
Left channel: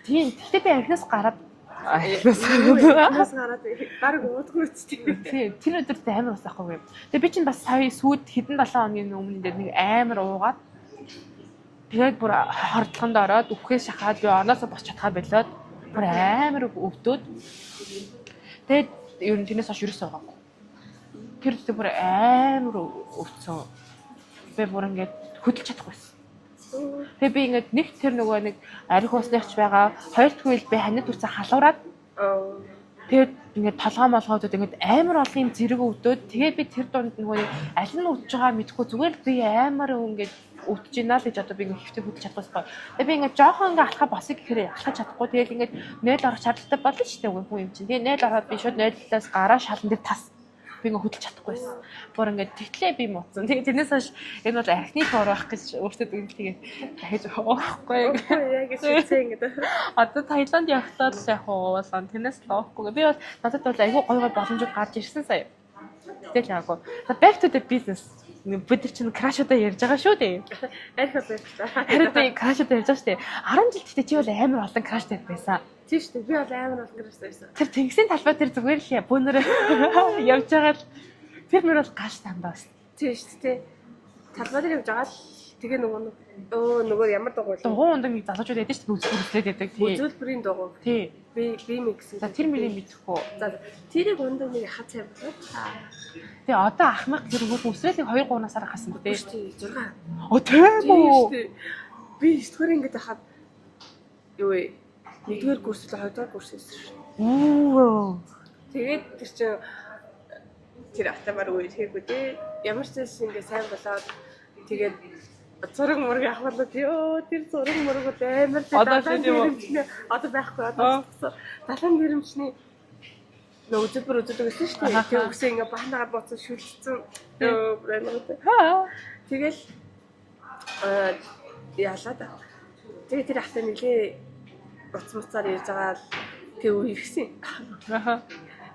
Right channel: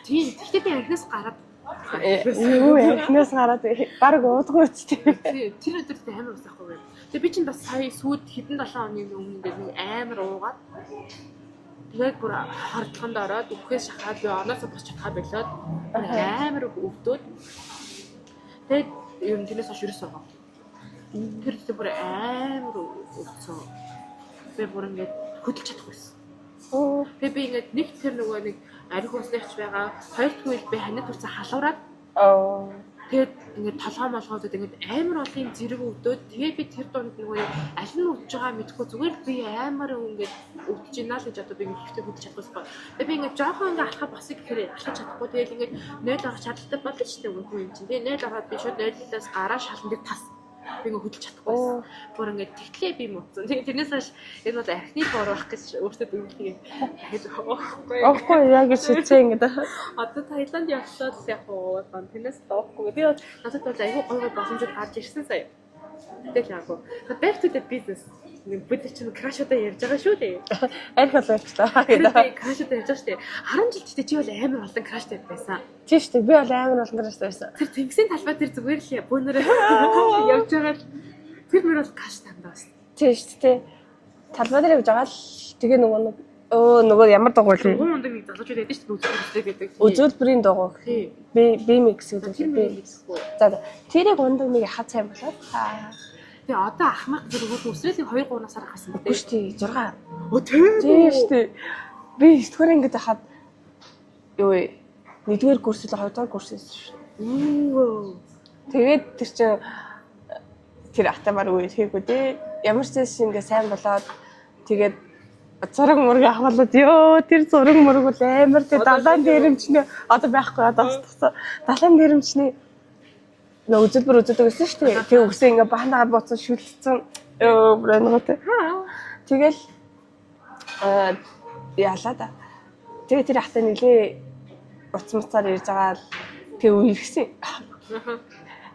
Тийм гэхдээ би архинаас гараад Эхнээс гараад баг уудгүй үстэй. Тэр өдөрт амар усахгүй. Тэгээ би чинь бас сая сүйд хэдэн 7 хоногийн өмнө дээр нэг амар уугаад тэгээд бүр хордлохонд ороод үхээс шахаад би оноосоо босч чадхаа болоод бүр амар өвдөөд тэгээд ер нь тэрнээс хойш ерөөсөө байгаа. Тэр өдөрт бүр амар өвдсөн. Би бүр ингээд хөдөлж чадахгүйсэн. Тэгээ би ингээд нэг тэр нөгөө нэг арх уусныхч байгаа. Хоёр дахь үйл би ханид үсээ халуураад тэгээд ингээд толгой молгоодод ингээд амар олон зэрэг өвдөөд тэгээд би тэр дунд нөгөө аль нь өвдөж байгаа мэдхгүй зүгээр би амар ингээд өвдөж ийна л гэж одоо би ингээд хэвтэ хөдөлж чадахгүй. Тэгээд би ингээд жоохон ингээд алхаа босыг гэхээр алхаж чадахгүй. Тэгээд ингээд 0 орох шаардлагатай болно шүү дээ үгүй юм чинь. Тэгээд 0 ороод би шууд 0-аас гараа шалан дээр тас. Би ингээд хөдөлж чадахгүйсэн. Бүр ингээд тэгтлээ би муцсан. Тэгээд тэрнээс хойш энэ бол архины орох гэж өөртөө тэгээд хайж байхгүй. Окей, яг шийдсэн ингээд. Одоо Таиланд явхлаа л яг уулан тэрнээс л уухгүй. Би бол надад бол айгүй гой боломжууд гарч ирсэн сая. Тэгэл яагүй. Back to the business. Бид чинь крашуудаа ярьж байгаа шүү дээ. Арх болоо явчлаа. Би крашуудаа ярьж байгаа шүү дээ. 10 жил гэхдээ чи бол амар олон краштай байсан. Тийм шүү дээ. Би бол амар олон краштай байсан. Тэр тэнгисийн талбай дээр зүгээр л бөөнөрөө явж байгаа л тэр мөр бол гаш тандаа байсан. Тийм шүү дээ. Талбай дээр явж байгаа л тэгээ нөгөө ямар дугуй л Гуун ундаг нэг залуучууд ядаж шүү дээ үзүүлээд байдаг. Үзүүлбэрийн дугуй. Тий. Би микс Тэр гэдэг. миний мэдхгүй. За тэрийг ундаг нэг хаа цай болоо. Тэгээ одоо ахмад тэр өөр үсрэлийг 2 3 насаар хасан Үгүй шүү дээ 6. Оо тийм шүү дээ. Би 9-р ангид хахад юу вэ? 1-р курс л 2-р курс байсан шүү. Тэгээд тэр чинь тэр ахтамаар үе хийгүү дээ. Ямар ч зүйл ингээ сайн болоод тэгээд зураг мураг авахлаад ёо тэр зураг мураг бол амар тэр далайн дээрэмчнээ одоо байхгүй одоо тусцсан. Далайн дээрэмчний нөө үзэлбэр үздэг гэсэн шүү дээ. Тэгээ үгсээ ингээ баанагаар бууцсан шүлцсэн. Ёо брэнготэй. Тэгэл яалаа да. Тэгээ тэр ахтай нилээ уцмцаар ирж байгаа л тэг үерхсэн.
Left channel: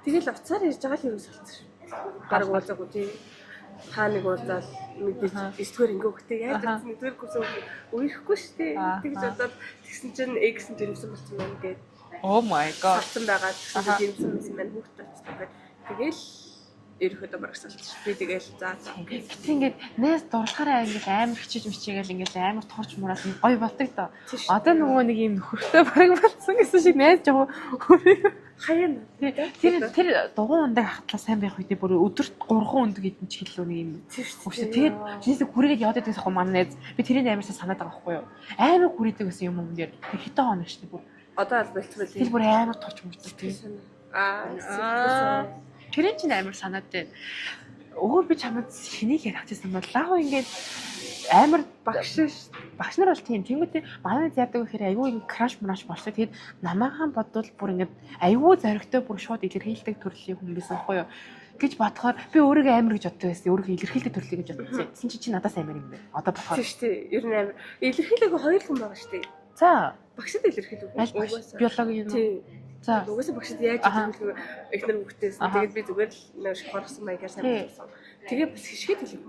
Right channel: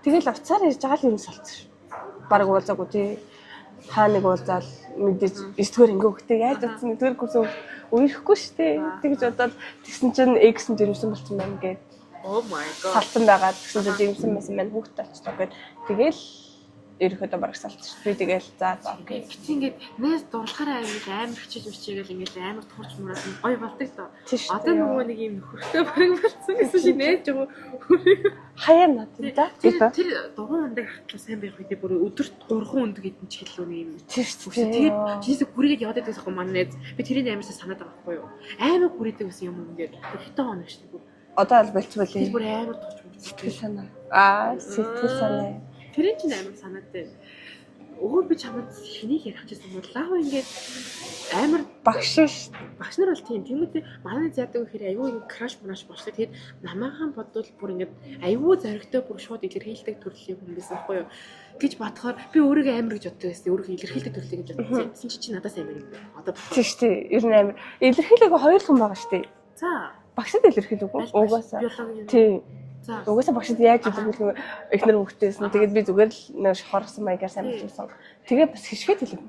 Тэгэл уцаар ирж байгаа л юм солцсон. Бараг уулзаагүй тий. Хаа нэг уулзаал мэдээж 9-р ингээ хөхтэй яаж утсан 1-р курс үерхгүй шүү дээ. Тэгж бодоод тэгсэн чинь X нь дэрвсэн болсон байна гэдэг. Oh my god. Салсан байгаа гэсэн чинь дэрвсэн байсан маань хүүхдээ очтоо гэд. Тэгэл ерөөхдөө бараг салчих. Би тэгэл за Гэт ингээд нээс дурлахаараа ингээд амар хичээж мичээгээл ингээд амар турч мураад гоё болдог доо. Одоо нөгөө нэг юм хөрхтэй бараг болсон гэсэн шиг найз жоо. хаяа надад. Тэр дугуун ундаг хатлаа сайн байх үедээ бүр өдөрт 3 ундаг идэн ч хэллөө нэг юм. Тэр чинээс хүрээд яваад байсан хөө манай найз. Би тэрийг амарсаа санаад байгаа байхгүй юу. Амар хүрээдэг гэсэн юм юм ингээд хитэ хоног шүү дээ. Одоо л болцвол тэр бүр амар турч мурцдаг санаа. Сэтгэл санаа. Тэр чинь амар санаатай. Өөр би чамд хэнийг ярих гэсэн бол лав ингээд амар багш нар бол тийм тиймээ манай зяадаг гэхээр айгүй ингэ краш мраш болчихсон. Тэгээд намаахан бодвол бүр ингээд айгүй зоригтой бүр шууд илэрхийлдэг төрлийн хүн байсан байхгүй юу гэж бодохоор би өөрийгөө амар гэж боддог байсан. Өөрийгөө илэрхийлдэг төрлийг гэж бодсон. Тэсэн чи надаас амар юм байна. Одоо бодохоор. Тийм шүү дээ. Ер нь амар илэрхийлээгөө хоёр хүн байгаа шүү дээ. За багшд илэрхийлээгөө угаасаа биологи юм. Тийм. За угаасаа багшд яаж илэрхийлэх эхнэр хөвгтэйсэн. Тэгээд би зүгээр л нэг шохорсон маягаар сайн болсон. Тэгээд бас хишгээд хэлэв.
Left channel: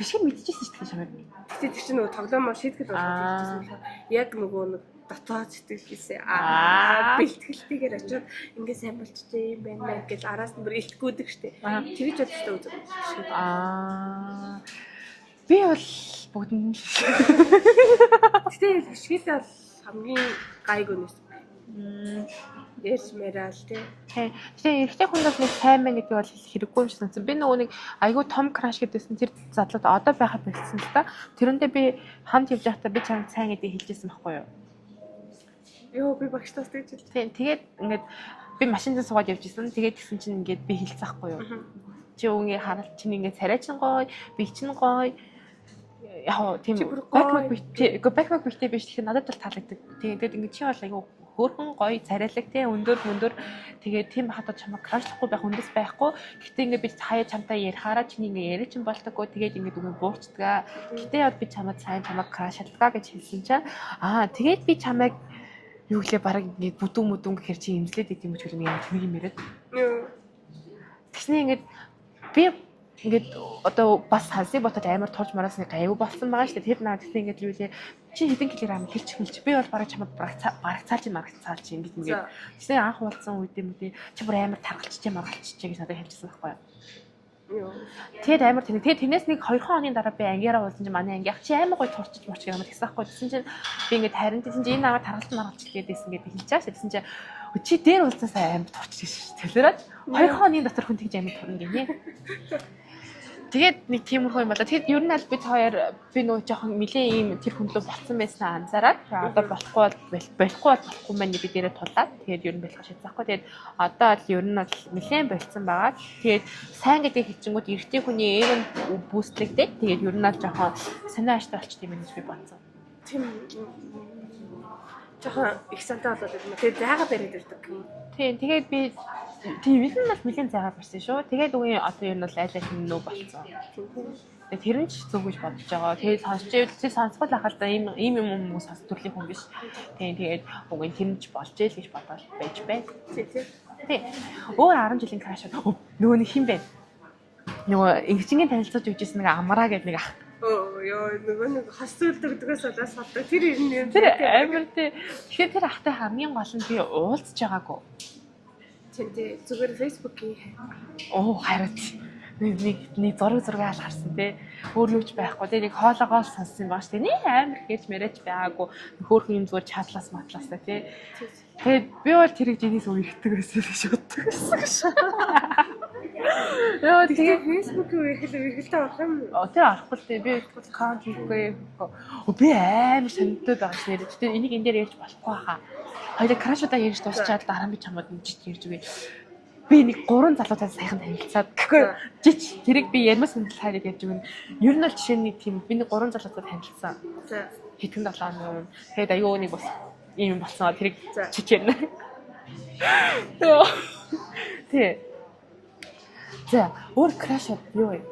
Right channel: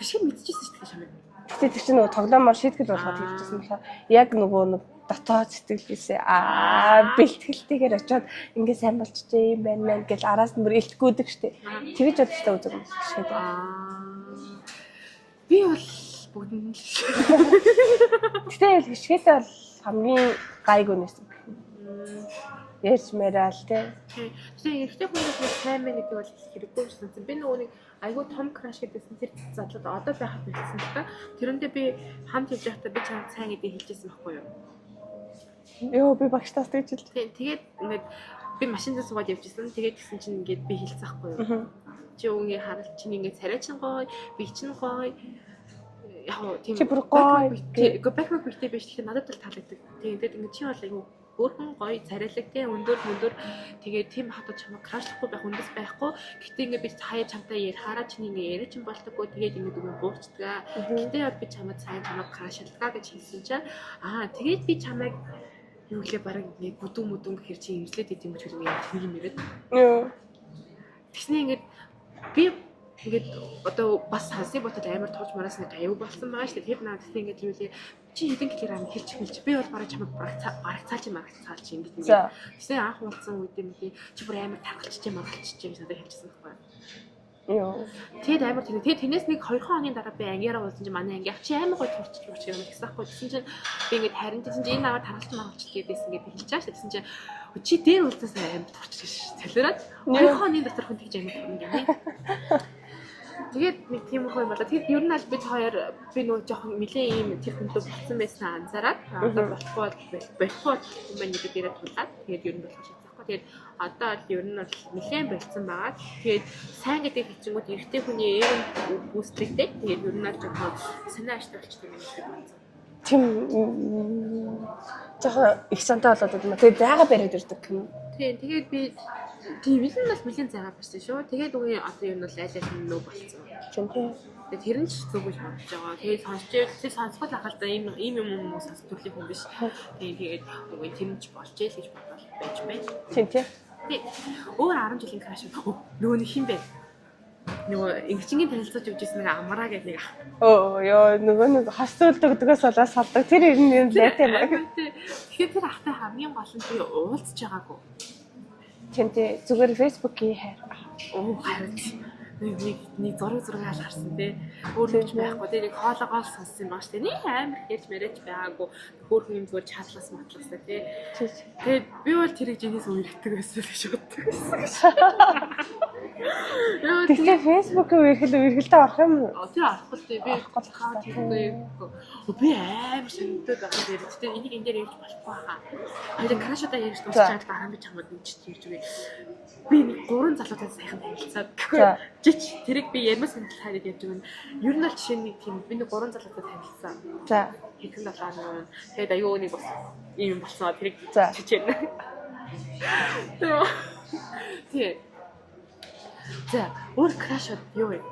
Хишгээд мэдчихсэн шүү дээ шамаар. Гэтэ тэр чинь нөгөө тоглоомоор шийтгэл болгоод хэлчихсэн болохоор яг нөгөө нэг дотоод сэтгэлгээсээ бэлтгэлтэйгээр очиод ингээ сайн болчихжээ юм байна мэн гэж араас нь бүр илтгэдэг штеп. Тэгэж бодчихтой үзэг юм шиг. Би бол бүгдэнд Тэгтээ хишгээдээ бол хамгийн гайгүй нэсэн. Ярьж мэрэл тий. Тэгээ эрэгтэй хүндээс нэг сайн мэн гэдэг бол хэрэггүй юм шиг санагдсан. Би нөгөө нэг айгүй том краш гэдсэн тэр задлууд одоо байхад болчихсон л та. Тэрэндээ би хамт явж байхдаа би чамд сайн гэдэг хэлжсэн байхгүй юу? Йоо би багштаас тэгж хэлсэн. Тэгээд ингээд би машинд суугаад явж исэн. Тэгээд гисэн чинь ингээд би хэлсэн байхгүй юу? Чи үнийг харалт чинь ингээд царай чин гоё, би чинь гоё. яг тийм Чи бүр гоё. бэкбэк битээ биш тэгэхээр надад бол таалагддаг. Тэгээд ингэ чи бол айгу хөөрхөн гоё царайлаг тий өндөр тэгээд тийм хатад чамайг крашлахгүй байх үндэс байхгүй. Гэтэ ингэ би хаяа чамтай ярихаараа чиний ингэ яриа чин болдоггүй тэгээд ингэ дүнгийн буурчдаг. Гэтэ яд би чамайг сайн чамайг крашлдгаа гэж хэлсэн чинь тэгээд би чамайг юу гэлээ баг ингэ бүдүүн гэхэр чи имслээд идэм гэж хэлнэ юм яриад. Тэгснэ ингэ би ингээд одоо бас хансын ботод амар тулж мараас нэг аюу болсон байгаа шүү дээ. Тэр надад ингээд юу лээ чи хэдэн килограмм хэлчих би бол бараг чамд барагцаалж юм ингээд ингээд. Тэгсэн анх уулзсан үед юм тий чи бүр амар таргалчих гэж надад хэлчихсэн байхгүй юу. Тэгээд амар тэгээд тэрнээс нэг 2 хоногийн дараа би ангиараа уулзсан чинь манай анги чи амар гоё турчиж мурч юм гэсэн байхгүй. Тэгсэн чинь би ингээд харин чинь энэ намайг таргалж гэдээсэн ингээд би хэлж байгаа шүү. Тэгсэн чинь чи дээр уулзсаа амар турчиж шүү. Тэлэрээд 2 хоногийн дотор хүн тэгж амар турна гинэ. Тэгээд нэг тиймэрхүү юм болоо. Тэгэд ер нь аль бид хоёр би нөгөө жоохон нэлээ ийм тэр хүнлөө болсон байсан анзаараад одоо болохгүй мань би дээрээ тулаад тэгээд ер нь болох шийдсахгүй. Тэгээд одоо л ер нь бол нэлээд болцсон байгаа. Тэгээд сайн гэдэг хэлчингүүд эрэгтэй хүний эйрэн бүүстлэгдээд тэгээд ер нь л жоохон санаа аштай болчих юм би бодсон. Тийм жоохон их сантай болоод байна. Тэгээд яага бариад ирдэг юм. Тийм тэгээд би тийм л нь бол нэлийн зайгаа барьсан шүү. Тэгээд үгүй одоо ер нь бол айлаа хэмнөө болцсон. Тэгээд тэр нь ч зүг гэж бодож байгаа. Тэгээд сонсгол ахал да ийм юм сонсох төрлийн хүн биш. Тэгээд үгүй тэр нь ч болж ийл гэж бодоод байж байна. Тийм. Өөр 10 жилийн краш нөгөө нэг хин бэ? Нөгөө ингэчингийн танилцуулж өгчээсэн нэг амраа гэдэг нэг нөгөө нэг хосуулдагдгоос болоод салдаг. Тэр юм тийм. Тэгэхээр тэр ахтай хамгийн гол нь би уулзж байгаагүй. Тэнтэй зүгээр Facebook-ийн хайраад нэг зураг алгарсан тий өөрлөж байхгүй тий нэг хоолоогоо сонссон бааш тий нэг амар хэлж мэрэж байгаагүй хөөрхөн юм зүгээр чадлаас матлаасаа тий тэгээд би бол тэрийг жинээс үерхдэг байсан гэж боддог байсан. Яа тэгээ Facebook-ийн үерхэлтэй орох юм уу? Тэр орохгүй тий би гол аккаунт хийхгүй би амар санагдаад байгаа тий гэхдээ энийг энэ дээр ярьж болохгүй хаа. Хоёул крашудаа ярьж дуусчаад дараа нь би чамд нэмжиж ярьж өгье. Би нэг 3 залуутай сайхан танилцаад жич тэрийг би ярмас хөндлөхөд ярьж өгнө. Ер нь бол жишээ нь тийм би нэг 3 залуутай танилцсан. За хэдэн 7 минут. Тэгээд аюу нэг бас ийм болсон. Тэрийг чичээрнэ. Тэ. За өөр крашуд юу вэ?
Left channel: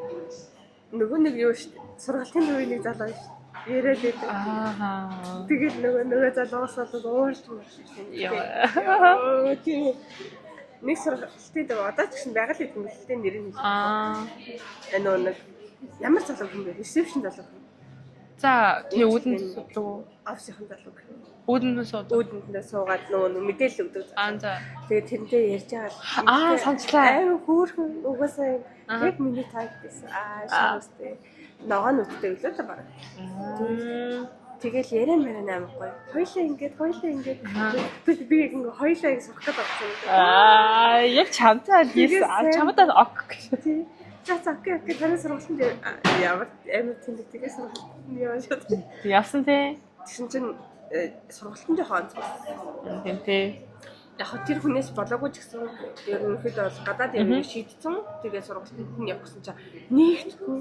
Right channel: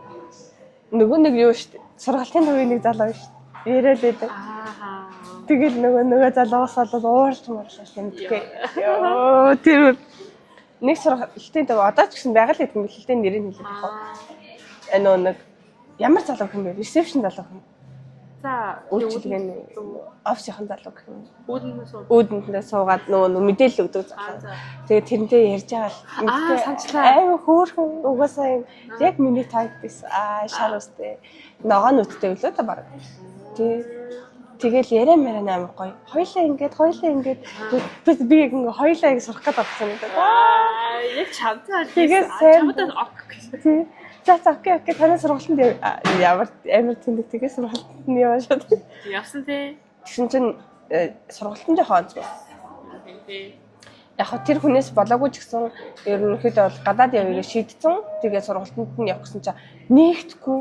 Нөгөө нэг юу шүү дээ. Сургалтын үеийн нэг залуу шүү. Яриад байдаг. Тэгэл нөгөө залуугаас болоод уурч муурч тэмдэггүй. Тэр нэг сургалтын төв одоо ч гэсэн байгаль хэдэн хэлтийн нэрийг хэлээ. Нэг ямар залуу юм бэ? Ресепшн залуу юм. За тэгээ үүдэн офисийн залуу гэх юм. Үүдэндээ суугаад нөгөө мэдээлэл өгдөг. За. Тэгээ тэрнтэй ярьж байгаа. Санчлаа. Хөөрхөн угаасаа яг миний тайп биш. Шар үстэй. Ногоон нүдтэй үлээ та баг. Тэгэл яриа мэрэ амар гоё. Хоёлаа ингээд би яг ингээ хоёлаа ингэ сурах гэдэг болсон юм даа. Яг чамтай чамдаа ок гэсэн. За окей таны сургалтанд ямар амар тэндэг тэгээ сургалтанд нь яваад. Явсан тий. Тэгсэн чинь сургалтанд хоонц болсон. Тийм тий. Яг тэр хүнээс болоогүй ч гэсэн ерөнхийдөө бол гадаад явъя шийдсэн. Тэгээ сургалтанд нь явах гэсэн чинь нэгтгэхгүй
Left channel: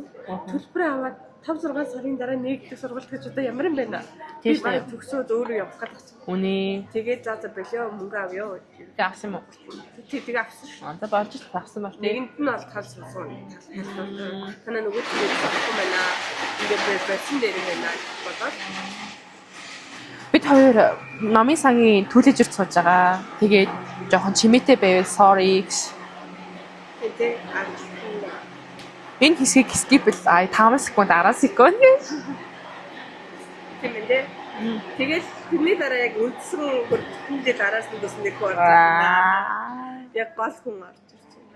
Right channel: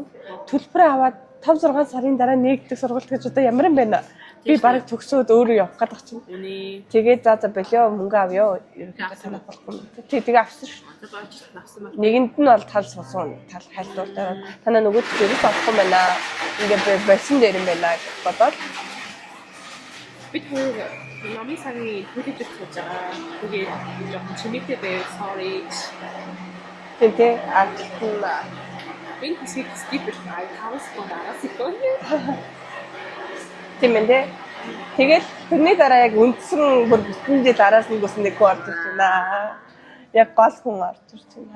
төлбөрөө аваад 5-6 сарын дараа нэгдэх сургалт гэж одоо ямар юм бэ? Би барыг төгсөөд өөрөө явах гэдэг чинь. Үнэ. Тэгээд за болио мөнгө авъё. Ерөнхий авсан болохгүй. Тэгээ авсан шүү. Одоо болж ч авсан бол. Нэгэнд нь бол тал сусан. Тал хайлтуулаа. Танаа нөгөө төрөс авахгүй байна. Ингээд болсон дээр юм байна гэж бодоод. Бид хоёр номын сангийн түлээжэрч сууж байгаа. Тэгээд жоохон чимээтэй байвал sorry. Тэ ардлаа. Энэ хэсгийг skip-л 5 секунд 10 секунд. Тийм ээ. Тэгэл тэрний дараа яг үндсэн бүр бүтэн жил араас нь гүсэн нэг орж ирсэн. Яг гол хүн орж ирсэн.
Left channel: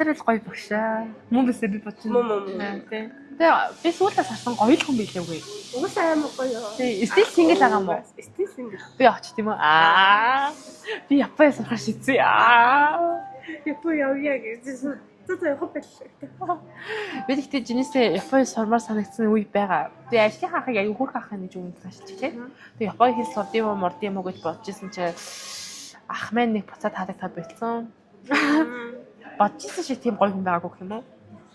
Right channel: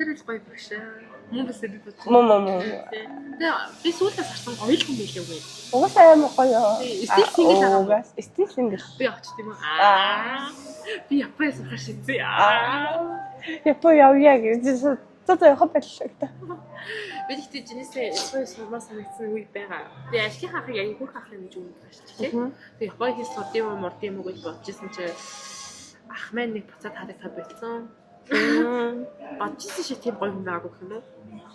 Тэр л гоё багшаа. Мөн бисээ би бодсон. Мөн. Тэгээ би сүүлдээ харсан гоё хүн байлээ үгүй. Угаасаа амар гоё. Тий, стил сингл байгаа юм уу? Стил сингл. Би очт юм уу? Би Япон сурах шийдсэн. Япон явъя гэж за явах байлаа. Би ихтэй жинээсээ Япон сурмаар санагдсан үе байгаа. Тэгээ ажлын хахыг аюу хурх хахаа гэж өгөн таашилч тий. Тэгээ Япон хэл сурдсан юм уу гэж бодож ирсэн чинь ах маань нэг буцаад хаадаг та болцсон. Бодчихсон ши тийм гоё хүн байгаагүй гэх юм уу?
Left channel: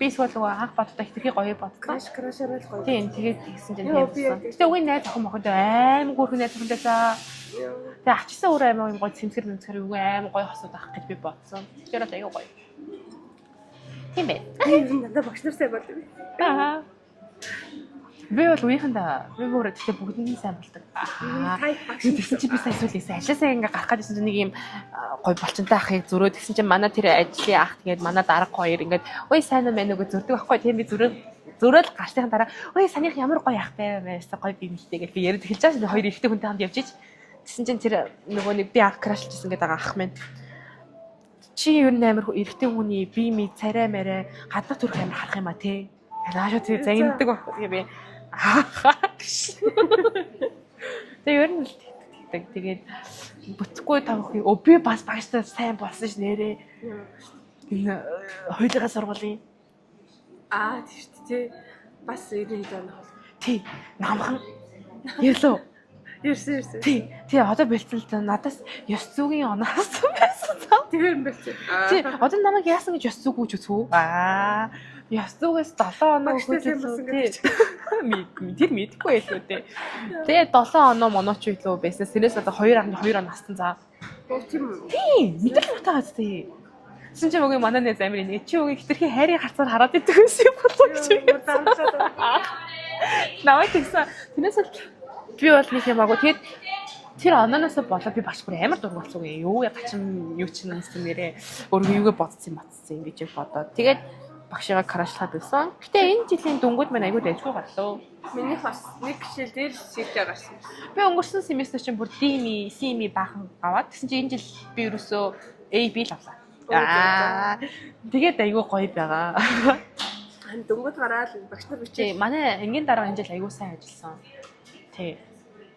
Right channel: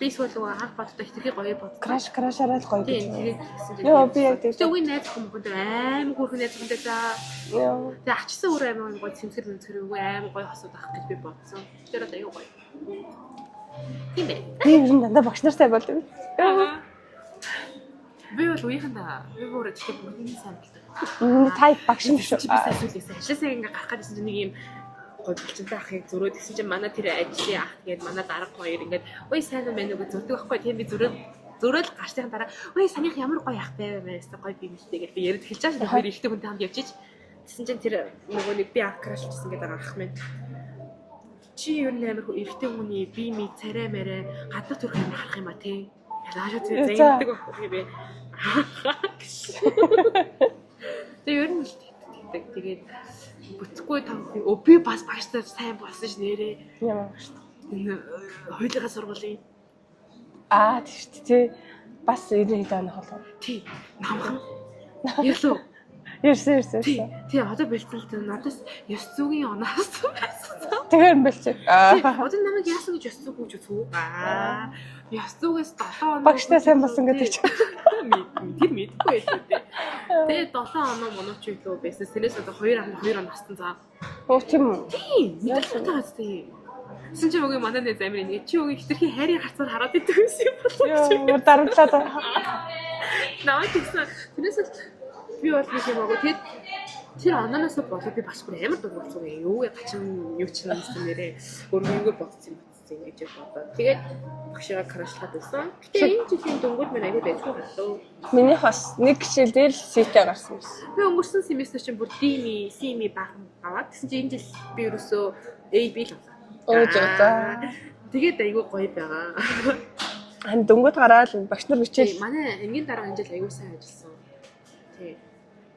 Би эсвэл анх боддоо хитрхи гоё бод. Крашараа л гоё. Тийм тэгээд тэгсэн чинь. Йоо би яг тэгээд үгүй найз охин мохонд аим хөөрхөн найз охинтой за. Йоо. Тэгээд ачсан өөр аим гоё цэмцгэр үгүй аим гоё хосууд авах гэж би бодсон. Тэгэхээр л аягүй гоё. Тийм ээ. Би ер нь дандаа багш нартай болд юм. Би бол үеийнхэндээ би өөрөө тэгтээ бүгднийг сайн болдог. Тайп багш чи би сайн зүйлээсээ ажилласаа ингээ гарах гэсэн чинь нэг юм гой болчонтой ахыг зөрөө тэгсэн чинь манай тэр ажлын ах тэгээд манай дарга хоёр ингээд ой сайн уу мэн үгүй зөрдөг байхгүй тийм би зөрөөл гарсныхан дараа ой санийх ямар гоё ахтай байсан гоё гинэлтэй гэж би яриад эхэлж байгаа. Хоёр ихтэй хүнтэй хамт явж ич. Тэгсэн чинь тэр нөгөө нэг би ах крашлжсэн гэдэг ах минь чи юу нээр эрэгтэй хүний бие ми царай мэрэ гадна төрх юм харах юм а тий. Яагаад тэр зангиддаг байхгүй би тэг ер нь тэгээд бүтггүй тавах би бас багштай сайн болсон ш нэрээ ямар багш энэ хоёулаа сургуулийн тийм тий бас 90 доноо холоо тий намхан ялуу ерсэн тий одоо бэлтэлтэй надаас ёс зүйн оноос байсан тэгэхээр юм бэлчээ тий одоо намайг яасан гэж ёс зүйг гэж үзв ёс зүйгээс 7 оноо багштай сайн болсон гэдэг чинь тэр мэдгүй байлгүй тий тэгээд 7 оноо монооч илүү байсан сэрээс одоо 2.2 он настан за тийм үү тий мэдэрч байгаас тий Тэгсэн чинь өгийн манай нэг замир нэг чи өгийн хитрхи хайрын харцаар хараад идэг гэсэн юм болов чи дарамтлаад наваа тэгсэн тэрээс л би бол нэг юм агуу тэгээд тэр ононоос болоо би багш бүр амар дург болсон юм юу гачин юу ч юмсэн нэрээ өөрөө юугээ бодсон ингэж бодоод тэгээд багшигаа крашлахад байсан гэтээ энэ жилийн дөнгөд мань аягүй дайггүй галуу минийх бас нэг гişэл дээр сэтэ гарсан юм би өнгөрсөн семестр чинь бүр дими сими баахан аваад тэгсэн чинь энэ жил би ерөөсөө AB л авлаа тэгээд аягүй гоё байгаа. Хан дөнгөд гараад багш нар бичээ. Манай энгийн дараа энэ жил аягүй сайн ажилласан.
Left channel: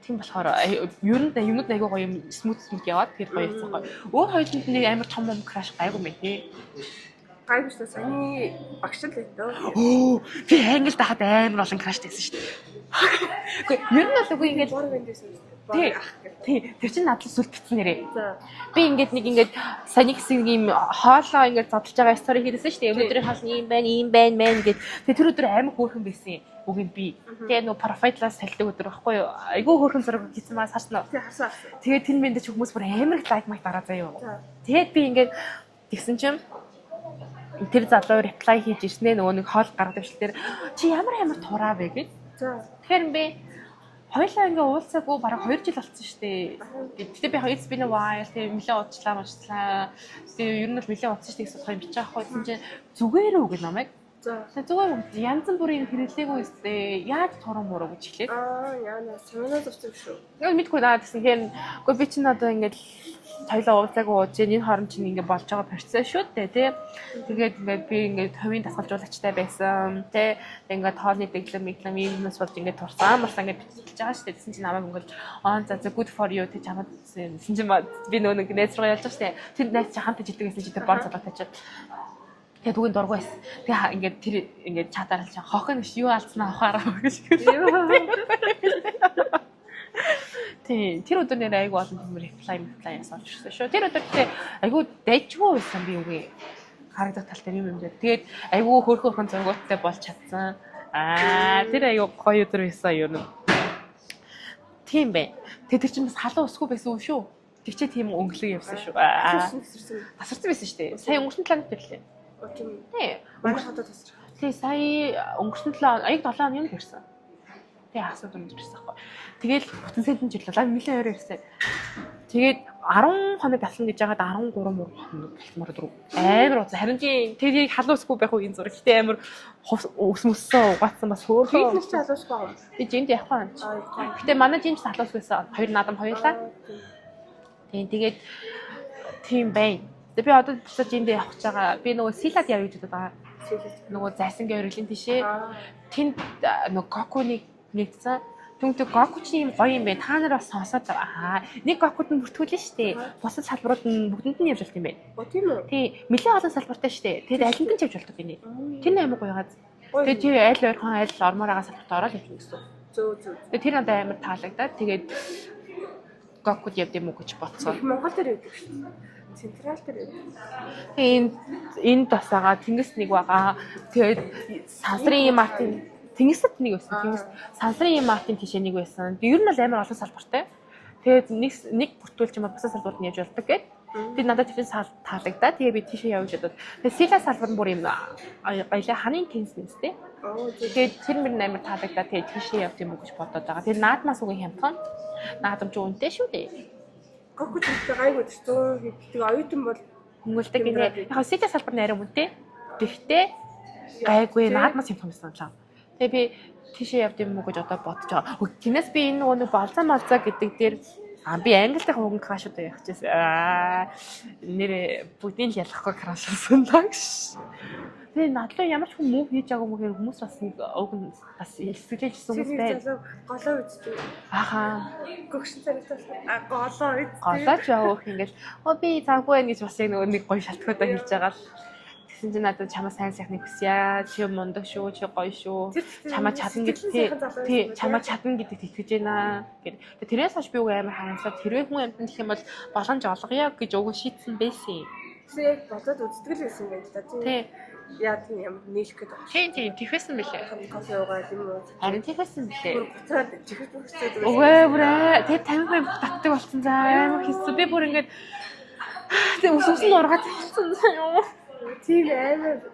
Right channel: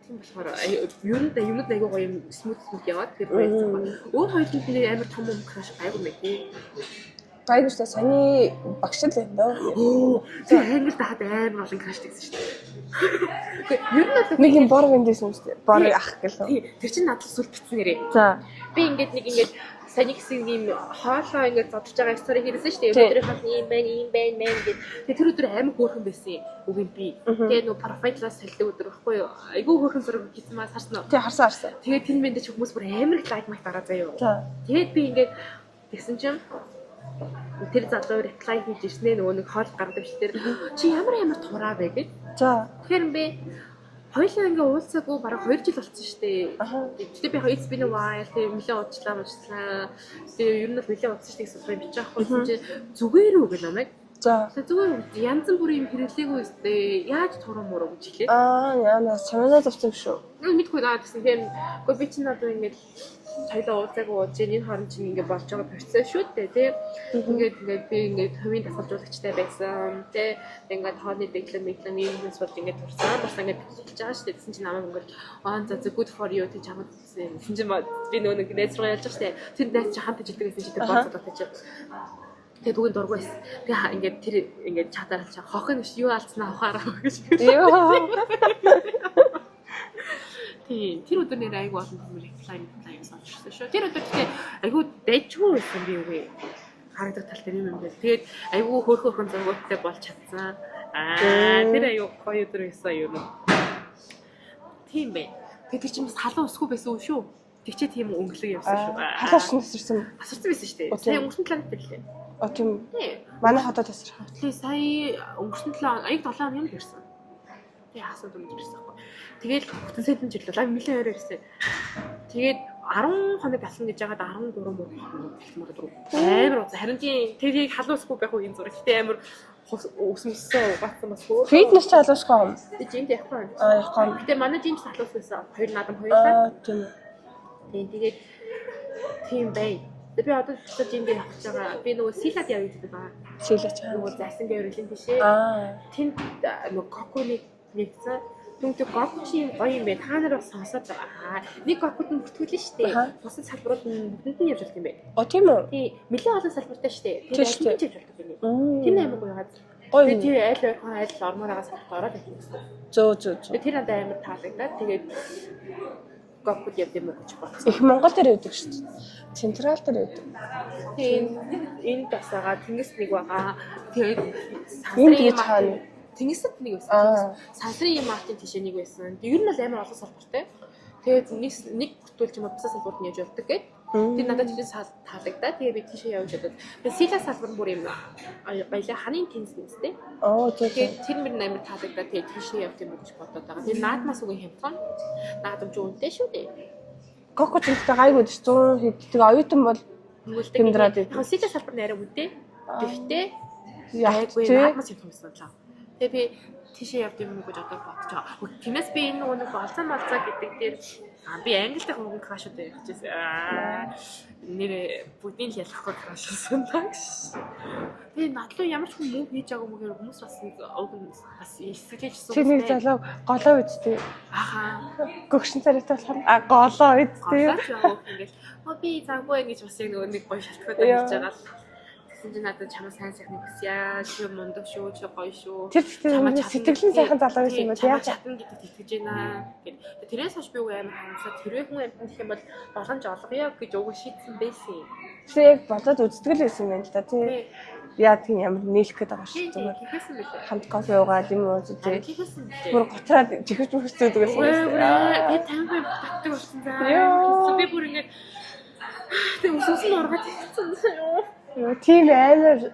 Тийм болохоор ер нь юмуд аягүй гоё юм смут яваад тэгээд баярцсан гоё. Өөр хоёуланд нэг амар том краш аягүй мэй тий. Гайгүй шүү дээ. Саяны багш л байна даа. Би англи дахад амар олон краш байсан шүү дээ. Ер нь бол нэг юм бор виндээс юм шүү дээ. Бор ах гэлээ. Тий. Тэр чинь надад сүлт битсэн нэрээ. За. Би ингээд саний гэсэн юм хоолоо ингээд задлж байгаа стори хийсэн шүү дээ. Өдрийн хоол ийм байна мэн гэд. Тэгээ тэр өдөр амар хөөрхөн байсан. Үгүй би. Тэгээ нөө профайлаас салдаг өдөр байхгүй юу? Айгүй хөөрхөн зураг хийсэн маа сарсан уу? Тий харсан. Тэгээ тэр мэнд ч хүмүүс бүр амар их лайк маяг дараа заяа. За. Тэгээд би ингээд тэгсэн чинь тэр залуу реплай хийж ирснээ нөгөө нэг хоол гаргад өвчлөлтээр чи ямар тураа вэ гэж. За. Тэгэхээр би хоёлаа ингээ уулзаагүй бараг 2 жил болсон шүү дээ. Гэтэ би it's been a while тэгээ нэлээд удажлаа. Тэгээ ер нь л нэлээд удсан шүү дээ гэсэн хоёр бичих байхгүй чинь зүгээр үү гэх намайг. За. Тэгээ зүгээр янз бүрийн хэрэглээгүй үстэй. Яаж туран муруу гэж хэлээ. Яа санаа зовсон шүү. Нэг мэдгүй наа гэсэн хэрэг. Гэхдээ би чинь одоо ингээд хоёлаа уулзаагүй ууж энэ хорон чинь ингээд болж байгаа процесс шүү дээ тий. Тэгээд би ингээд хувийн дасгалжуулагчтай байсан тий. Ингээд хоолны дэглэм юмнаас болж ингээд турсан бас ингээд бичиж байгаа шүү дээ. Тэсэн чинь намайг ингээд за good for you тий чамд гэсэн чинь би нөгөө нэг найз руу явж байгаа шүү дээ. Тэр найз чи хамт ижилдэг гэсэн чи тэр боо цолоотой чи. Тэгээд үгүй дургүй байсан. Тэгээ ингээд тэр ингээд чатаар л хохын гэж юу алдснаа хохаараа гэж. Тийм тэр өдөр нэр айгу олон хүмүүс реплай асууж ирсэн шүү. Тэр өдөр тэгээ айгу дайжгүй байсан би үгүй. Харагдах тал дээр юм дээр. Тэгээд айгу хөөрхөн зургуудтай болж чадсан. Тэр айгу гоё өдөр байсан юу. Тийм бай. Тэгээд тэр чинь бас халуун усгүй байсан шүү. Тэр чинь тийм өнгөлөг явсан шүү. Халуун тасарсан байсан шүү дээ. Сайн өнгөрсөн талаар хэллээ. Тийм. Манай хотод тасарсан. Тийм сая өнгөрсөн 7 хоногийн хэрсэн. Тэгээ хасаа дүрж ирсэн байхгүй. Тэгэл бүтэн сентэн жилээ нэлээ өөрөө ирсэн. Тэгээд 10 хоног болсон гэж яагаад 13 хоног хэлмээр дөрөв. Амар уу. Харин тийм тэрийг халуусгүй байх уу энэ зураг. Гэтэ амар өсмөссөн угаацсан бас хөөр. Фитнес ч халуусгүй юм. Би жимд явах юм. Явах юм. Гэтэ манай жимс халуусгүйсэн. Хоёр наадам хоёулаа. Тийм тэгээд тийм бай. Би одоо жимд явах гэж байгаа. Би нөгөө силад явж байгаа даа. Силач. Нөгөө зайсангийн өргөлийн тишээ. Тэнд нөгөө коконыг нэгсэн. Түнтэй гокч юм гоё юм бэ. Та нар бас сонсоод нэг гокуд нь бүртгүүлнэ штэ. Бусад салбарууд нь бүгдэнд нь явж болт юм бэ. Тийм үү? Тий, нэлээд олон салбартай штэ. Тэр аль нь ч явж болдог гинэ. Тэр амар гоё газ. Тэгээд тий аль ойрхон аль ормоор байгаа салбарт ороод явж гэсэн. Зөө. Тэр надад амар таалагдаад тэгээд гокуд явд юм уу гэж бодсон. Их Монгол дээр байдаг шүү дээ. Централ дээр байдаг. Энэ бас байгаа тэнгис нэг байгаа. Тэгээд сансрын Мартин тэнгисэд нэг байсан. Сансрын Мартин тийш нэг байсан. Ер нь бол амар олон салбартай. Тэгээд нэг бүртгүүлж юм бусад салбарт нь явж болдог гэдэг. Тэгээд надад тийш таалагдаа. Тэгээд би тийшээ явж чадаад. Тэгээд сила салбар нь бүр юм баялаа ханын тенс нэмстэй. Тэгээд тэр мөр амар таалагдаа. Тэгээд тийшээ явд юм уу гэж бодоод байгаа. Тэгээд наадмаас үгүй хямдхан. Наадамч үнэтэй шүү дээ. Гокуд ихтэй гайгүй 100 хэд. Тэгээ оюутан бол нүгэлдэг. Яг сила салбар нэрэ үнэтэй. Гэхдээ айгүй наадмаас хямдхан байсан лаа. Тэгээ би тийшээ явд юм уу гэж одоо бодож байгаа. Тиймээс би энэ нөгөө болцоо гэдэг дээр би англитай хөнгөн крашууд явах гэсэн. Нэр бүгдийг ялахгүй крашсан дагш. Тэгээ надлаа ямар ч хүн муу хийж байгаа юм хэрэг хүмүүс бас бас эсгэлжсэн юм. Чиний залуу голоо үсттэй. Гөгшин царайтай болохоор голоо үсттэй. Голооч явах ингээл би завгүй гэж бас яг нэг гоё шалтгаан хийж байгаа л. Тэгсэн чинь надад чамаа сайн сайхныг хүсье. Чи мундаг шүү, чи гоё шүү. Чамаа сэтгэлийн сайхан залуу байсан юм байна. Чамаа чадна гэдэгт итгэж байна гэд. Тэрээс хойш би үгүй амар харамсаад хэрвээ хүн амьтан гэх юм бол боломж олгоё гэж өгөө шийдсэн байсан. Тэг бодоод үзтгэл байсан юм байна л да тий. Яа тийм ямар нийлэх гээд байгаа шүү. Тий, тэхсэн бэлээ. Хамт кофе уугаад юм ууж. Харин тэхсэн бэлээ. Бүр готраад чихэж мөхсөд байгаа. Үгүй тэг 50 хүн татдаг болсон заа. Хэсэг би бүр ингээд тэг өсөсөн ургаад хэлсэн. Тийм амар.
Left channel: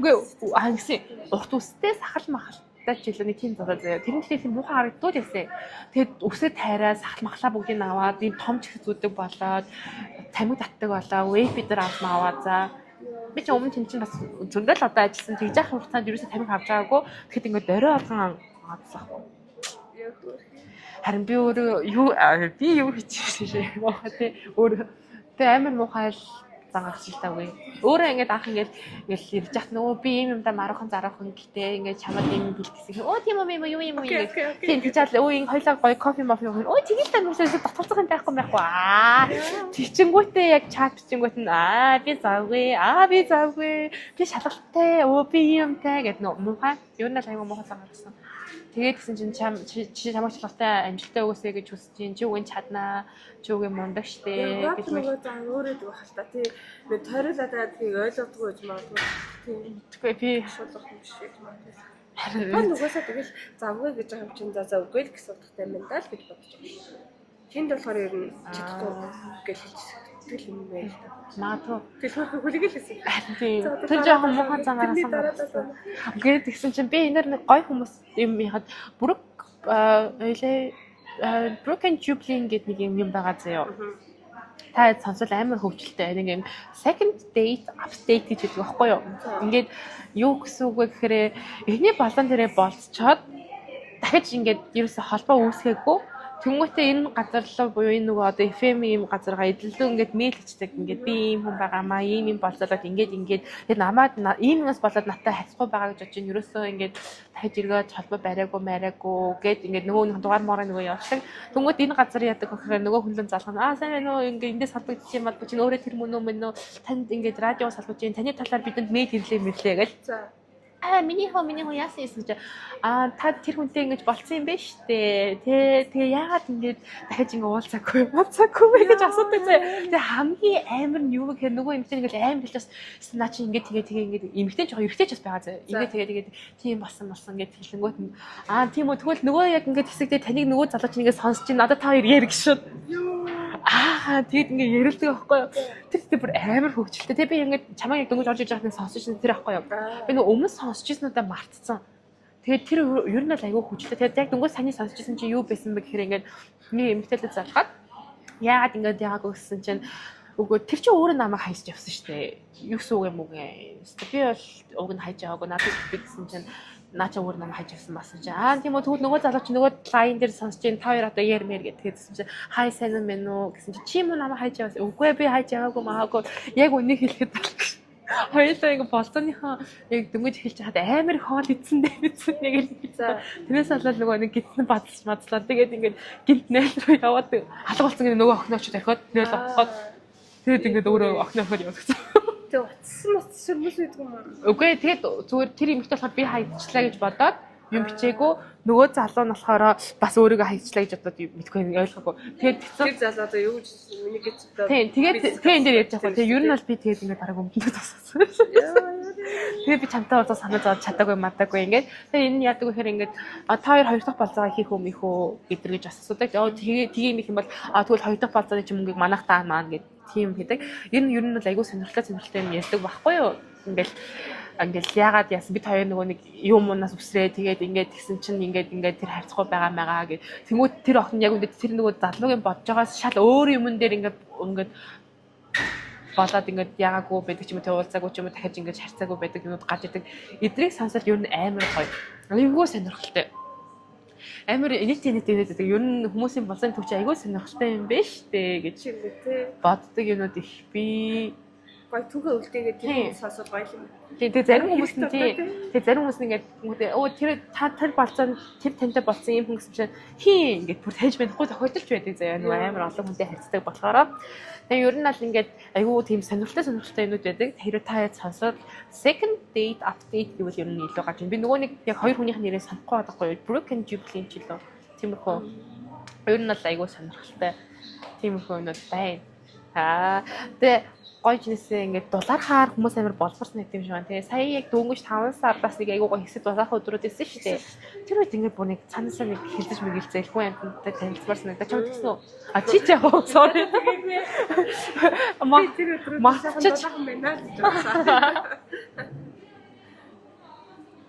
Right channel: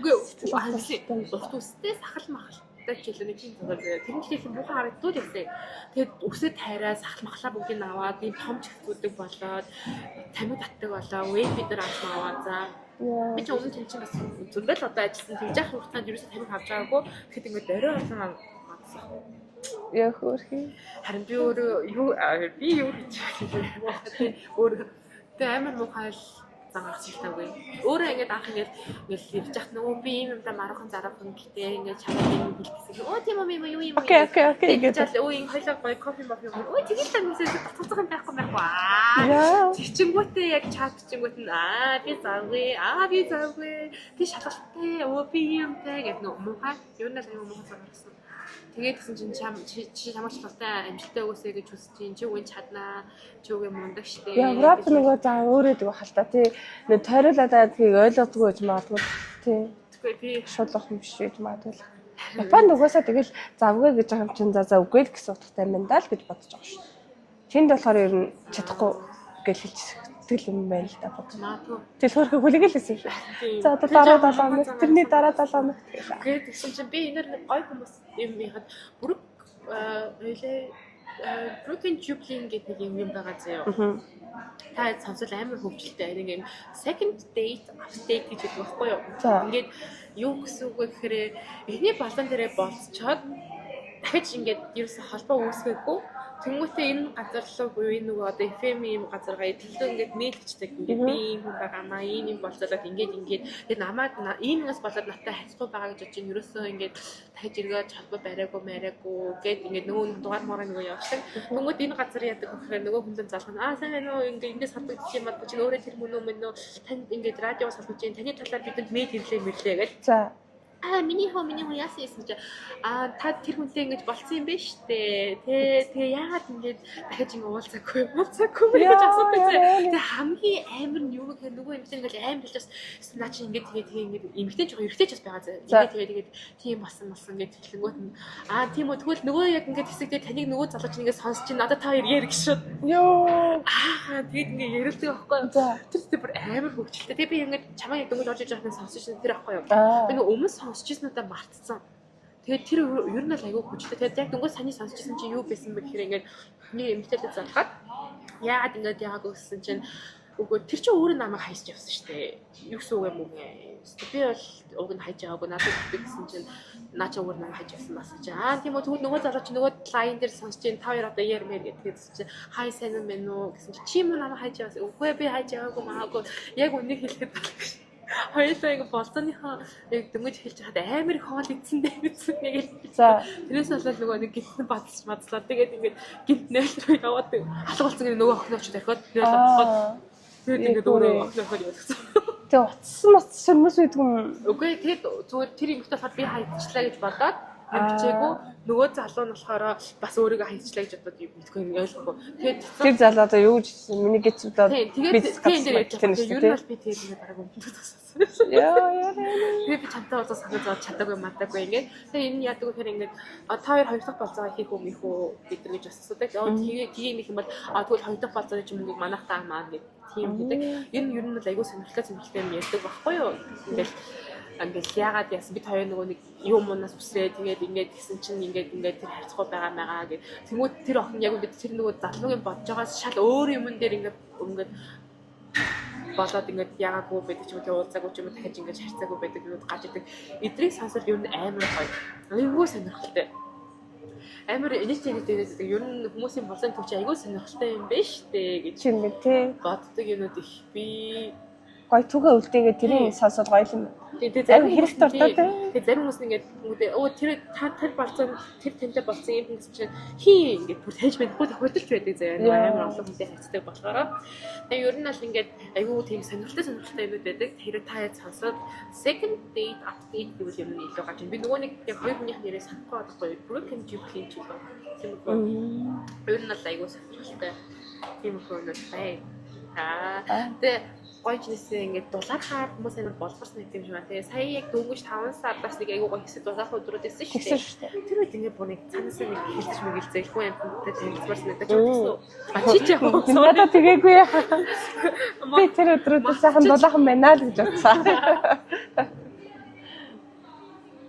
Үгүй гэсэн урт үстэй сахал махалтай ч илүү нэг тийм зураг заяа. Тэр нь тийм муухай харагдууд ясэ. Тэгээд үсээ тайраа сахал махлаа бүгдийг аваад ийм том чихзүүдэг болоод тамиг татдаг болоо. Вейп бид нар аваад за. Би ч өмнө тийм чинь бас зөндөл одоо ажилласан. Тэгж яах хугацаанд ерөөсөө тамиг авч байгаагүй. Тэгэхэд ингээд орой болгон аваадсаахгүй. Яа хөөрхий. Харин би өөрөө юу хийчихсэн юм бэ? Өөр амар муухай зангарч таагүй. Өөрөө ингээд анх ингээд ирж яхад нөгөө би юм юмдаа маргахан зараахан гэтээ ингээд чамаа юм хэлчихсэн. Оо тийм юм юу юм. Окей. Ингээд жаа энэ хоёлаа гоё кофе мофи юу. Оо тэгээд л өнгөрсөж татгалзах юм байхгүй. Тийчингүүтээ яг чат бичингүүт нь би завгүй. Би шалгалттай. Оо би юмтай гэдэг нөө муухай. Юу нэг аягүй муухай санагдсан. Тэгээд гэсэн чинь чи чамаа шалгалттай амжилттай өгөөсэй гэж хүсэж чинь чи үн чаднаа. Чи үгүй мундаг штэ. Ягаад нөгөө за өөрөө дэх хал та тий. Нэг тойруулаад тгийг ойлгодгүй гэж магадгүй тий. Тэгвэл би шуулах юм биш гэж магадгүй. Ба нөгөөсөө тэгэл завгүй гэж байгаа юм чинь за үгүй л гэсэн утгатай юм даа л гэж бодож байгаа шүү. Тэнд болохоор ер нь чадахгүй гэж хэлчихсэн юм байна л та бодож. Магадгүй. Тэгэл хөрхө хүлэгээл хэлсэн. За одоо дараа тэрний дараа тэгээд тэгсэн чинь би энээр нэг гой хүмүүс юм яхад бүрэг Broken Jubilee гэдэг нэг юм байгаа заяа. Та сонсол амар хөвчлөлтэй. Нэг юм second date update гэдэг байхгүй юу? Ингээд юу гэсэн үг вэ гэхээр эхний балан дээрээ болцоод дахиж ингээд ерөөсө холбоо үүсгээгүй. Тэнгүүтээ энэ газар руу буюу энэ нөгөө одоо FM ийм газаргаа эдлэлөө ингээд мэйл хийдэг. Ингээд би ийм хүн байгаамаа, ийм болцоод ингээд тэгээд намаад иймээс болоод надтай харьцахгүй байгаа гэж бодож ин ерөөсөө ингээд дахиж эргэж холбоо бариагүй гэд ингээд нөгөө дугаар мороо нөгөө явдаг. Тэнгүүт энэ газар яадаг гэхээр нөгөө хүн залгана. Сайн байна уу ингээд эндээс холбогдчих юм бол чи өөрөө тэр мөн үү танд ингээд радио салгаж ийн таны талаар бидэнд мэйл ирлээ гэж. За миний хоо яасан юм чи та тэр хүнтэй ингэж болцсон юм байна штэ. Тэгээ яагаад ингэж дахиж ингэ уулзаагүй гэж асуудаг зэ. Тэгээ хамгийн амар нь юу гэхээр нөгөө эмэгтэй ингэж амар хэлж бас наа чи ингэ тэгээ эмэгтэй жоо эрэгтэй ч бас байгаа зэ. Тэгээд тийм болсон гэж хэлэнгүүт нь тийм үү тэгвэл нөгөө яг ингэ хэсэгдээ таныг нөгөө залууч ингэ сонсож ин надад та хоёр яриг шүү. Йоо. Тэгээд ингэ ярилдаг байхгүй юу. Тэр бүр амар хөвчлөлтэй. Тэгээ би ингэ чамаа яг дөнгөж орж иж байхад нь сонсож ин тэр байхгүй юу. Би нөгөө өмнө сонсож ирсэнүүдээ мартцсан. Тэгээд тэр ер нь л айгүй хүчлээ. Тэгээд яг дөнгөж саний сонсож ирсэн чи юу байсан бэ гэхээр ингээд миний эмэгтэйтэй залгаад яагаад ингээд яагаад гэсэн чинь үгүй тэр чинь өөрөө намайг хайж явсан шүү дээ. Юу гэсэн үг юм уу гээ. Би бол уг нь хайж яваагүй надад би гэсэн чинь наача өөр намайг хайж явсан басан чи тийм үү тэгвэл нөгөө залуу чи нөгөө лайн дээр сонсож ин та хоёр одоо ярмэр гэдгээсэн чи хай сайн юм бэ нөө гэсэн чи юм намайг хайж явсан. Үгүй би хайж яваагүй маагүй яг үнийг хэлэхэд байна. Хоёулаа ингэ болцооныхоо яг дөнгөж эхэлж хаад амар хоол идсэн нэг л. За тэрээс болоод нөгөө нэг гитэн бацлаа. Тэгээд ингээд гинт найл руу яваад алга болсон нөгөө охинооч дахиад найл авахад тэгээд ингээд өөрөө охиноохоо явуулсан. Тэгээ утсан сөрмөс үйдэг юм. Үгүй тэгээд зүгээр тэр юмхтэй болохоор би хайчлаа гэж бодоод юм бичээгүй нөгөө залуу нь болохоор бас өөрийгөө хаягчлаа гэж одоо мэдгүй ойлгоогүй. Тэгээд тэг залуу одоо юу гэж миний гэж одоо тэгээд тийм дээр ярьж байгаа. Тэгээд ер нь бол би тэгээд ингээд бараг өмдөө тассан. Яа. Тэгээд би чамтай уулзах санаа зовж чадаагүй мадаагүй ингээд. Тэгээд энэ яадаг вэ гэхээр ингээд та хоёр дахь болцоогоо хийх юм их үү гэдэр гэж бас асуудаг. Тэгээд тийм их юм бол тэгвэл хоёр дахь болцооны ч мөнгийг манайх таа маань гэдэг тийм хийдэг. Энэ ер нь бол айгүй сонирхолтой юм ярьдаг байхгүй юу? Ингээл яагаад яасан бид хоёр нөгөө нэг юм уунаас үсрээ тэгээд ингээд тэгсэн чинь ингээд тэр харьцахгүй байгаа маягаа гэх. Тэнгүүд тэр охин яг үнэхээр тэр нөгөө залуугийн бодож байгаас шал өөр юмн дээр ингээд болоод ингээд яагаагүй байдаг ч юм уу тэ уулзаагүй ч юм уу дахиж ингээд харьцаагүй байдаг юмуд гарч идэг. Эдрийг сонсоод ер нь амар гоё. Айгүй сонирхолтой. Амар инээдтэй ер нь хүмүүсийн болсон төвч айгүй сонирхолтой юм байна штэ гэж ингээд тий боддог юмуд их би гоё түгээ үлдээгээд тэрийг сонсоод гоё юм. Тэгээ зарим хүмүүс тэгээ зарим хүмүүс ингээд тэр болцоо тэр тантай болсон юм хүмүүс чинь хий ингээд бүр тааж байхгүй тохиолдолч байдаг заяа амар олон хүнтэй харьцдаг болохоор тэгээ ер нь аль ингээд айгүй тийм сонирхолтой юмуд байдаг. Тэр та яд сонсоод second date update гэвэл ер нь илүү гарч байна. Би нөгөө нэг яг хоёр хүнийх нь нэрээ санахгүй байхгүй broken jubilee ч илүү тиймэрхүү ер нь бол айгүй сонирхолтой тиймэрхүү юмуд байна. Тэгээ гойж нэсээ ингээд дулаархаар хүмүүс амар болборсон гэдэг юм шиг байна. Тэгээ сая яг дөнгөж 5 сараас нэг айгуугаа хэсэг дулаархаа өдрүүд ирсэн шүү дээ. Тэр үед ингээд бүр нэг цаанасаа нэг хэлдэж мэгэлцээ ихгүй амттай танилцмарсан надад ч үзсэн үү. Чи ч яг sorry тэгээгүй яа. Би тэр өдрүүд сайхан дулаахан байна л гэж бодсон.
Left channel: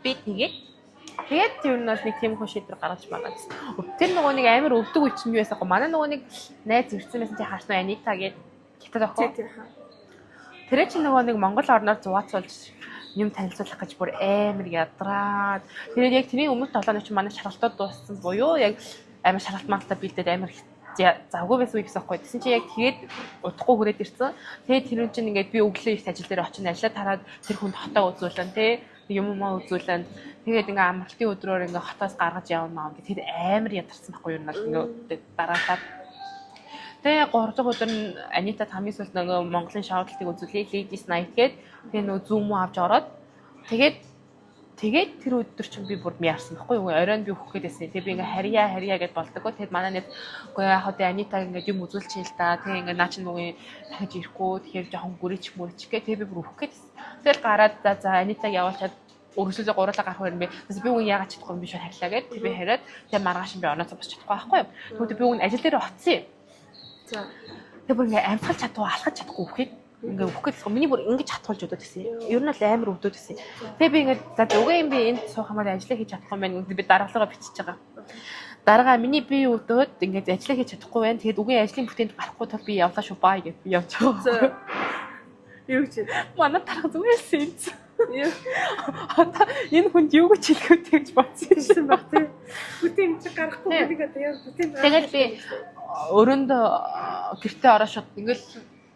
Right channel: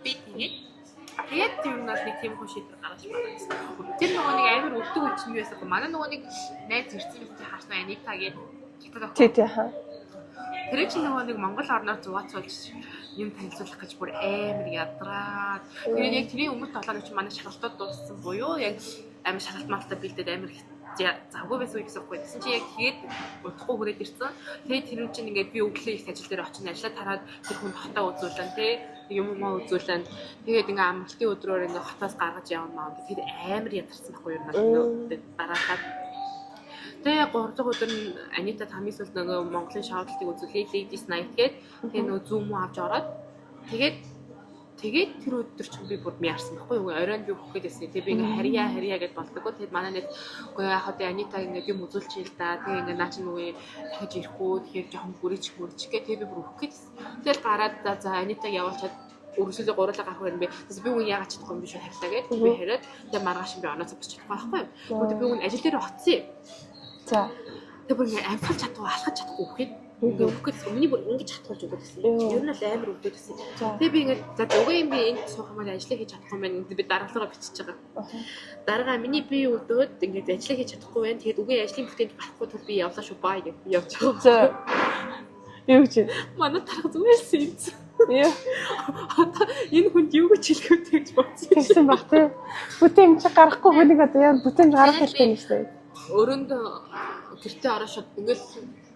Би тэгээд ер нь бол нэг тийм хүн шийдвэр гаргаж байгаа гэсэн. Тэр нөгөө нэг амар өвдөг үе чинь юу байсан бэ? Манай нөгөө нэг найз ирсэн байсан чи харснаа Анита гээд хятад охин. Тий хаа. Тэр чинь нөгөө нэг Монгол орноор зугаацуулж юм танилцуулах гэж бүр амар ядраад. Тэгээд яг тэрийн өмнөх 7 өдөр чинь манай шаргалтууд дууссан буюу яг амар шаргалт малтаа бэлдээд амар завгүй байсан үе гэсэн байхгүй. Тэсэн чи яг тэгээд удахгүй хүрээд ирсэн. Тэгээд тэр чинь ингээд би өглөө их ажил дээр очиж ажиллаад тараад тэр хүнд хотоо үзүүлэн тий юм үзүүлэн. Тэгээд ингээд амралтын өдрөөр ингээд хотоос гаргаж явна гэх. Тэгээд амар ядарсан байхгүй юу надад дараалаад. Тэгээ 3 дахь өдөр нь Анита хамгийн сүүлд нөгөө Монголын шоудлтыг үзүүлээ. Ladies Night гээд тэгээ нөгөө Zoom авч ороод тэгээд тэр өдөр чинь би бүр яарсан байхгүй юу? Оройн би хөөх гээдсэн. Тэгээ би ингээ харьяа гэд болдгоо. Тэгээд манай нэг үгүй яа хаа Анита ингээ юм үзүүлчихээ л да. Тэгээ ингээ наа чи нөгөө дахиж ирэхгүй. Тэгэхээр жоохон гүрийч гэ. Тэгээ би бүр хөөх гээдсэн. Тэгэл гараад за Анитаг явуулчаад өргөсөлөө гурлаа гарах юм бэ. Тэс би үн яагаад чадахгүй юм би шууд харьлаа гэд. Би хараад тэгээ маргааш би онооцоо босч чадахгүй байхгүй юу? Тэгвэл би үн ажил дээр оцсон. За тэг бүр ингээ амфах чадгүй алхаж чадахгүй үхээд ингээ үхэх гэсэн. Миний бүр ингэж хатуулж өдөөд гэсэн. Ер нь л амар өвдөд гэсэн. Тэгээ би ингээ за угаа юм би энд суух юмар ажиллаа хийж чадахгүй байна. Би дараагаар бичиж байгаа. Дараагаа миний би өдөөд ингээ ажиллаа хийж чадахгүй байна. Тэгээд үгийн ажлын бүтээнд гарахгүй тул би явлаа шүү бай гэж би явж байгаа. Юу гэж манай тарах зүгээрсэн. Яа. Энэ хүнд юу гэж хэлэхэд гэж бодсон баг тий. Бүтээн чи гарахгүй хүнийг одоо яа бүтээн гарах юм шүү дээ. Өрөөндөө гэртээ ороо шууд ингээл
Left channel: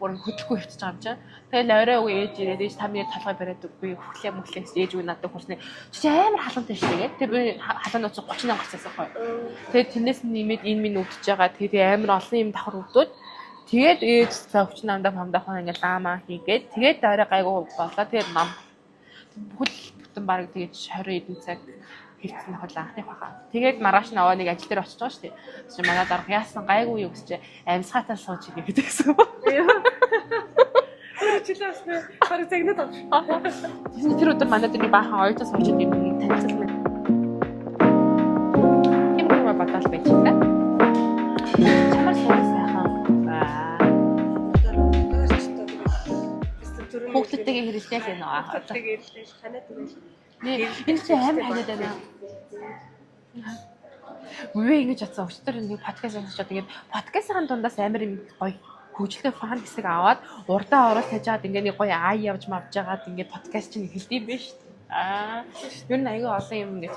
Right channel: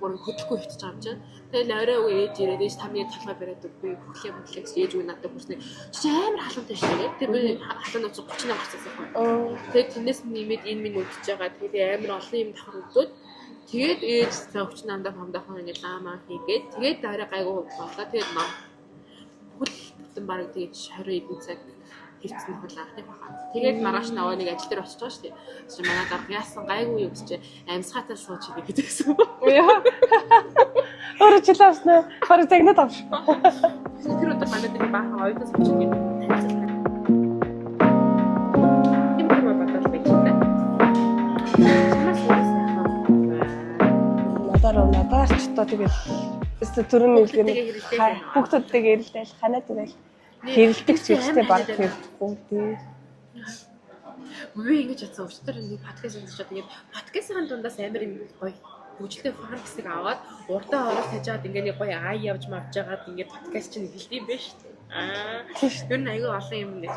бүр хөдлөхгүй хөвтөж байгаа юм чинь. Тэгэл орой уу ээж ирээд ээж та миний толгой бариад үгүй хөглөө мөглөө гэж ээж үе надад хүрснэ. Чи амар халуунтай шүү дээ. Тэр би халуун нууц 38 гарцсан байхгүй. Тэгээд тэрнээс нэмээд энэ минь өвдөж байгаа. Тэгээд амар олон юм давхар өвдөд. Тэгээд ээж за өвчин амдаа хамдаахаа ингээл даамаа хийгээд тэгээд орой гайгүй болоо. Тэгээд нам бүхэл бүтэн бараг тэгээд 20 эдэн цаг хийцэн хол анхны баха. Тэгээд маргааш нь аваа нэг ажил дээр очиж байгаа шүү дээ. Чи манад орох яасан гайгүй юу гэж амьсгатаа сууж ирэх гэдэг гэсэн. Өөрөө чилээс нэ бараг загнаад авш. Тэр өдөр манад нэг баахан оюутан сууж ирэх юм танилцал мэд. Юм бодол байж та. Надаар ч одоо тэгээд түрүүний хэлгээд хэрэлдээл байна. Хүүхдүүдтэйгээ хэрэлдээл ханаа тэгэл хэрэлдэг зүйлтэй баг бүгд. Үгүй ингэж атсан өчтөр нэг подкаст сонсож тэгээд подкастын дундаас амар юм гоё хөгжлөлтэй фан хэсэг аваад урдаа орол тажаад ингээ нэг гоё ай явж мавжгаад ингээ подкаст чинь эхэлдэв юм байна шүү дээ. Ер нь аягүй олон юм ингээ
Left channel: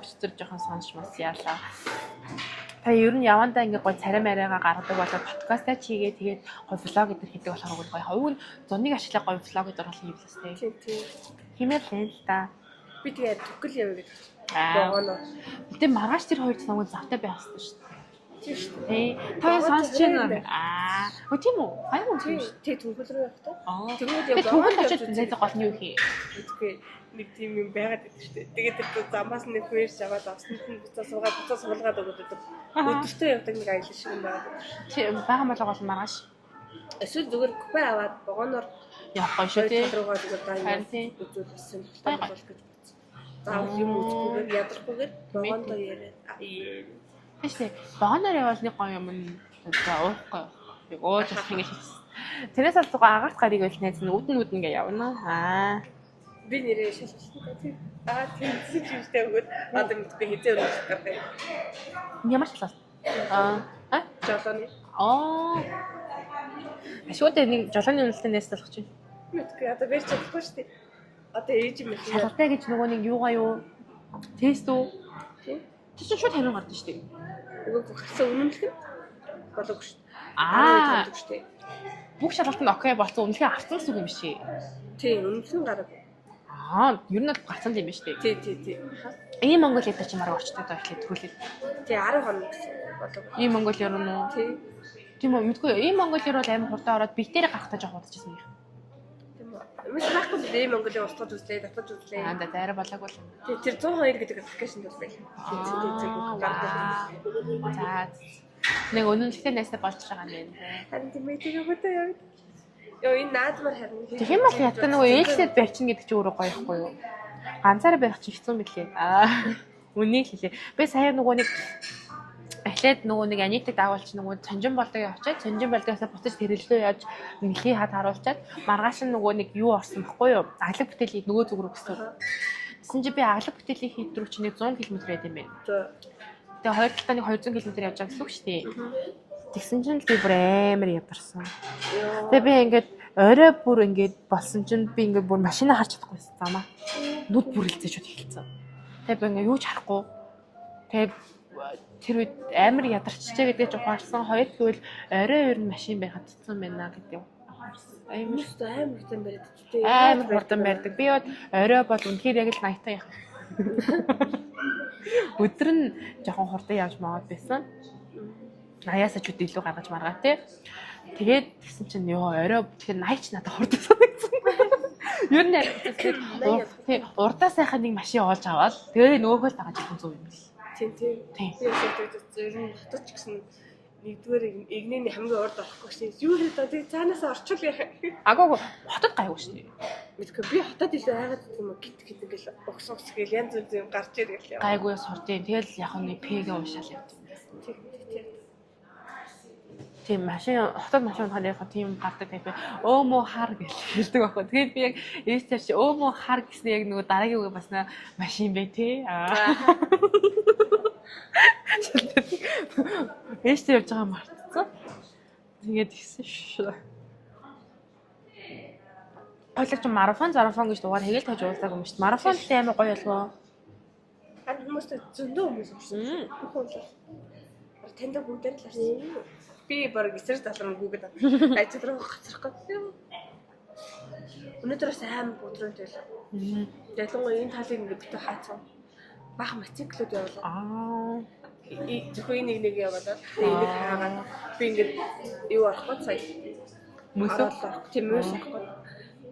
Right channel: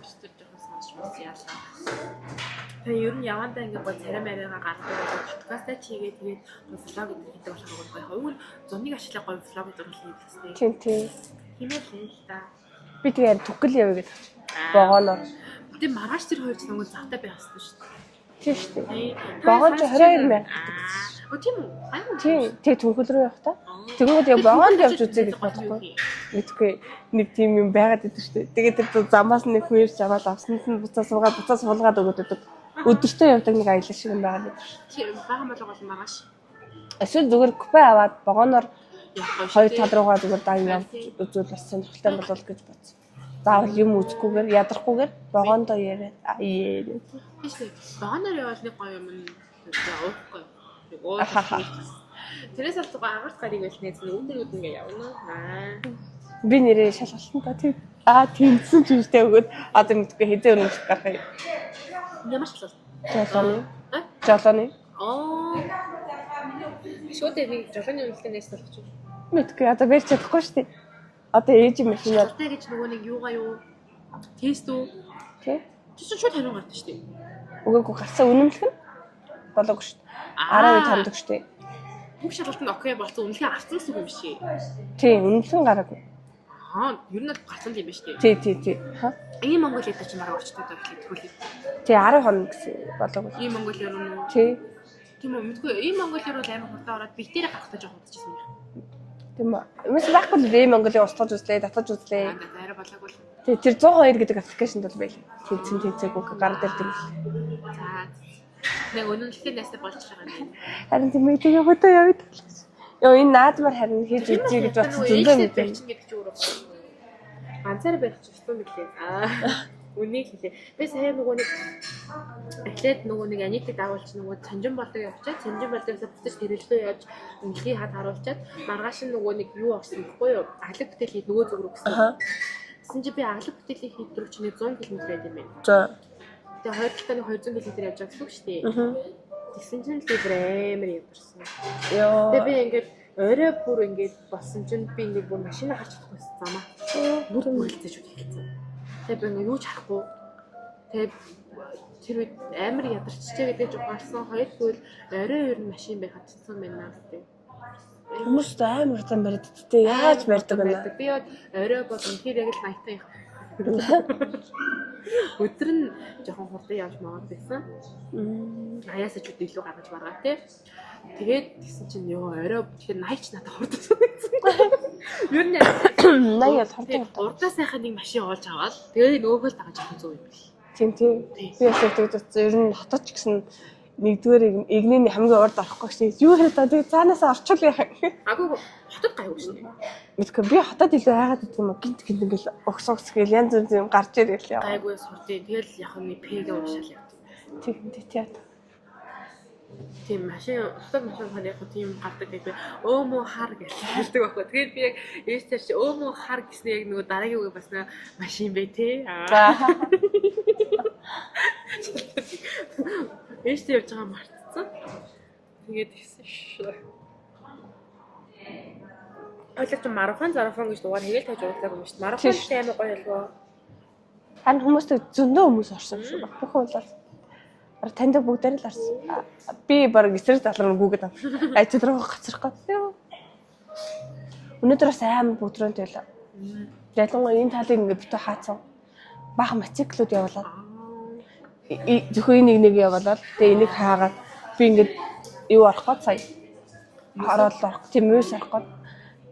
өчтөр жоохон сонсч яалаа. Та ер нь явандаа ингээ гоё царай мариагаа гаргадаг болоод подкастаа чигээ тэгээд гоё влог гэдэр хийдэг болохоор гоё хувь нь зуныг ашиглаа гоё влог гэдэр бол юм лээ. Тийм. Химэл л та. Би тэгээд түгэл явъя гэж богоно. Гэтэ маргааш тэр хоёр самгүй завтай байх хэрэгтэй шүү дээ. Тийм шүү дээ. Тий. Богонд 22,000. Хөө тийм үү? Айгуу. Тэг түүхэл рүү явах та. Тэгэнгүүт яг богонд явж үзээд мэдгүй нэг тийм юм байгаад идэв шүү дээ. Тэгээд тэр замаас нэг хүээрч аваад авсанд нь буцаа суулгаад өгöd өгдөг. Өдөртөө явдаг нэг аялал шиг юм байгаад идэв. Тий, бага болоо бол маргааш. Эсвэл зүгээр купе аваад богоноор Явах хоёр тал руугаа зүгээр дайнаа үзүүл бас сонирхолтой болов гэж бодсон. Заавал юм үзэхгүйгээр ядрахгүйгээр богондоо яриад Тэшээ богоноор явал нэг гоё юм уухгүй. Тэрээс бол зугаа агарт гарыг л найз нь үдэн ингээ явна. Би нэрээ шалгалтан та тийм. Тэмцсэн ч юмштэй өгөөд одоо мэдгүй хизээ өрөмжлөх гарах юм. Ямар шалгалт? Жолооны. Ашигтай нэг жолооны үнэлтэнд нэслэх чинь. Мэдгүй одоо барьж чадахгүй шүү дээ. Одоо ээж юм их юм. Шалгалтай гэж нөгөө нэг юугаа юу? Тест үү? Тий. Чи шууд хариу гардаг шүү дээ. Үгээгүй гарсан үнэмлэх нь болоогүй шүү дээ. 12 томдог шүү дээ. Бүх шалгалт нь окей болсон үнэлгээ авсан гэсэн үг юм шиг. Тий, үнэмлэх гараагүй. Ер нь гарсан юм биш үү? Тий. Ийм Монгол хэд ч мараа орчтой даа ихлэ төгөлөө. Тий 10 хоног гэсэн болоогүй. Ийм Монгол ер нь үү? Тий. Тийм үү мэдгүй. Ийм Монгол ер бол амар хурдан ороод бигтэрэ гарахтаа жоох удажсэн юм. Тийм үү. Юмс байхгүй л дээ Монголыг устгаж үзлээ, татаж үзлээ. Дайраа болоогүй л. Тий, тэр 102 гэдэг аппликейшнд бол байл. Тэнцэг үг гараад ирдэг. За. Нэг үнэлгээтэй нэсээ болж байгаа юм. Харин тийм мэдээ явуудаа яваад. Йоо энэ наадмаар харин хийж үзье гэж бодсон. Ээлжлээд барьчин гэдэг чи өөрөө гоё байхгүй юу? Ганцаараа байх чи хэцүү мэлээ. Үнийг хэлээ. Би сая нөгөө нэг эхлээд нөгөө нэг Анитыг даавалч нөгөө Цонжин болдог явчаад Цонжин болдогоос буцаж тэрэлдөө яаж нэхий хад харуулчаад маргааш нь нөгөө нэг юу орсон байхгүй юу? Аглаг бүтээлийг нөгөө зүг рүү гэсэн. Гэсэн чи би аглаг бүтээлийн хийд рүү чи нэг 100 км байд юм байна. За. Тэгээ хоёр талаа 200 км явж байгаа гэсэн үг шүү дээ. Тэгсэн чинь би бүр амар ядарсан. Йоо. Тэгээ би ингээд орой бүр ингээд болсон чинь би ингээд бүр машина харж чадахгүйсэн замаа. Нүд бүрэлцээ шууд хэлсэн. Тэгээ би ингээд юу ч харахгүй. Тэгээ тэр үед амар ядарчжээ гэдэг жохоорсон. Хоёр гэвэл орой ер нь машин байхад цэцэн байна гэдэг. Хүмүүс амар хурдан барьд тээ. Яаж барьдаг байдаг. Би орой бол үнэхээр яг л найтаа явах. Өдөр нь жоохон хурдан явж магад байсан. Аяасаа ч үгүй илүү гаргаж маргаа тий. Тэгээд тэгсэн чинь ёо орой тэгэхээр найч надад хурдан санагдсан. Ер нь най ял хурдан урдаа сайхан нэг машин оолж аваад тэгээ нөгөөхөө дагаж явах зүйл юм л. Тийм. Би яг тэгж утсан. Ер нь хотод ч гэсэн нэгдүгээр игнэний хамгийн урд орохгүй гэсэн. Юу хэрэг та тэгээ цаанаасаа орчуул яах юм. Агаагүй хотод гайгүй шүү дээ. Мэдгүй би хотод илүү хайгаад идэх юм аа гинт ингээл огсогс гээл янз бүр юм гарч ирэл яа. Гайгүй сурдیں۔ Тэгэл яг нэг пэгээ уушаал явд. Тийм. Тийм машин хотод машин ухааныхаа тийм гардаг гэдэг өөмөө хар гэж хэлдэг байхгүй. Тэгээд би яг ээжтэй чи өөмөө хар гэснээр яг нөгөө дараагийн үг бас машин бай тээ. Ээжтэй явж байгаа мартцсан. Тэгээд гисэн шүү. Хойлооч марафон гэж дугаар хийгээл таж уулзаагүй юм шүү дээ. Марафон ч амар гоё болов. Харин хүмүүстэй зөндөө хүмүүс орсон шүү. Бохоо бол таньдаг бүгдээр л орсон. Би баг эсрэг талруу гүгээд ажил руу гацрах гэдэг. Өнөөдөр бас амар бүдрэнтэй л. Ялангуяа энэ талыг ингээд битүү хаацсан. Бага мотоциклууд явуулаад. Зөвхөн нэг явуулаад тэгээ энийг хаагаад би ингээд юу арах гээд сая. Хараад арах. Тийм мөс арах гээд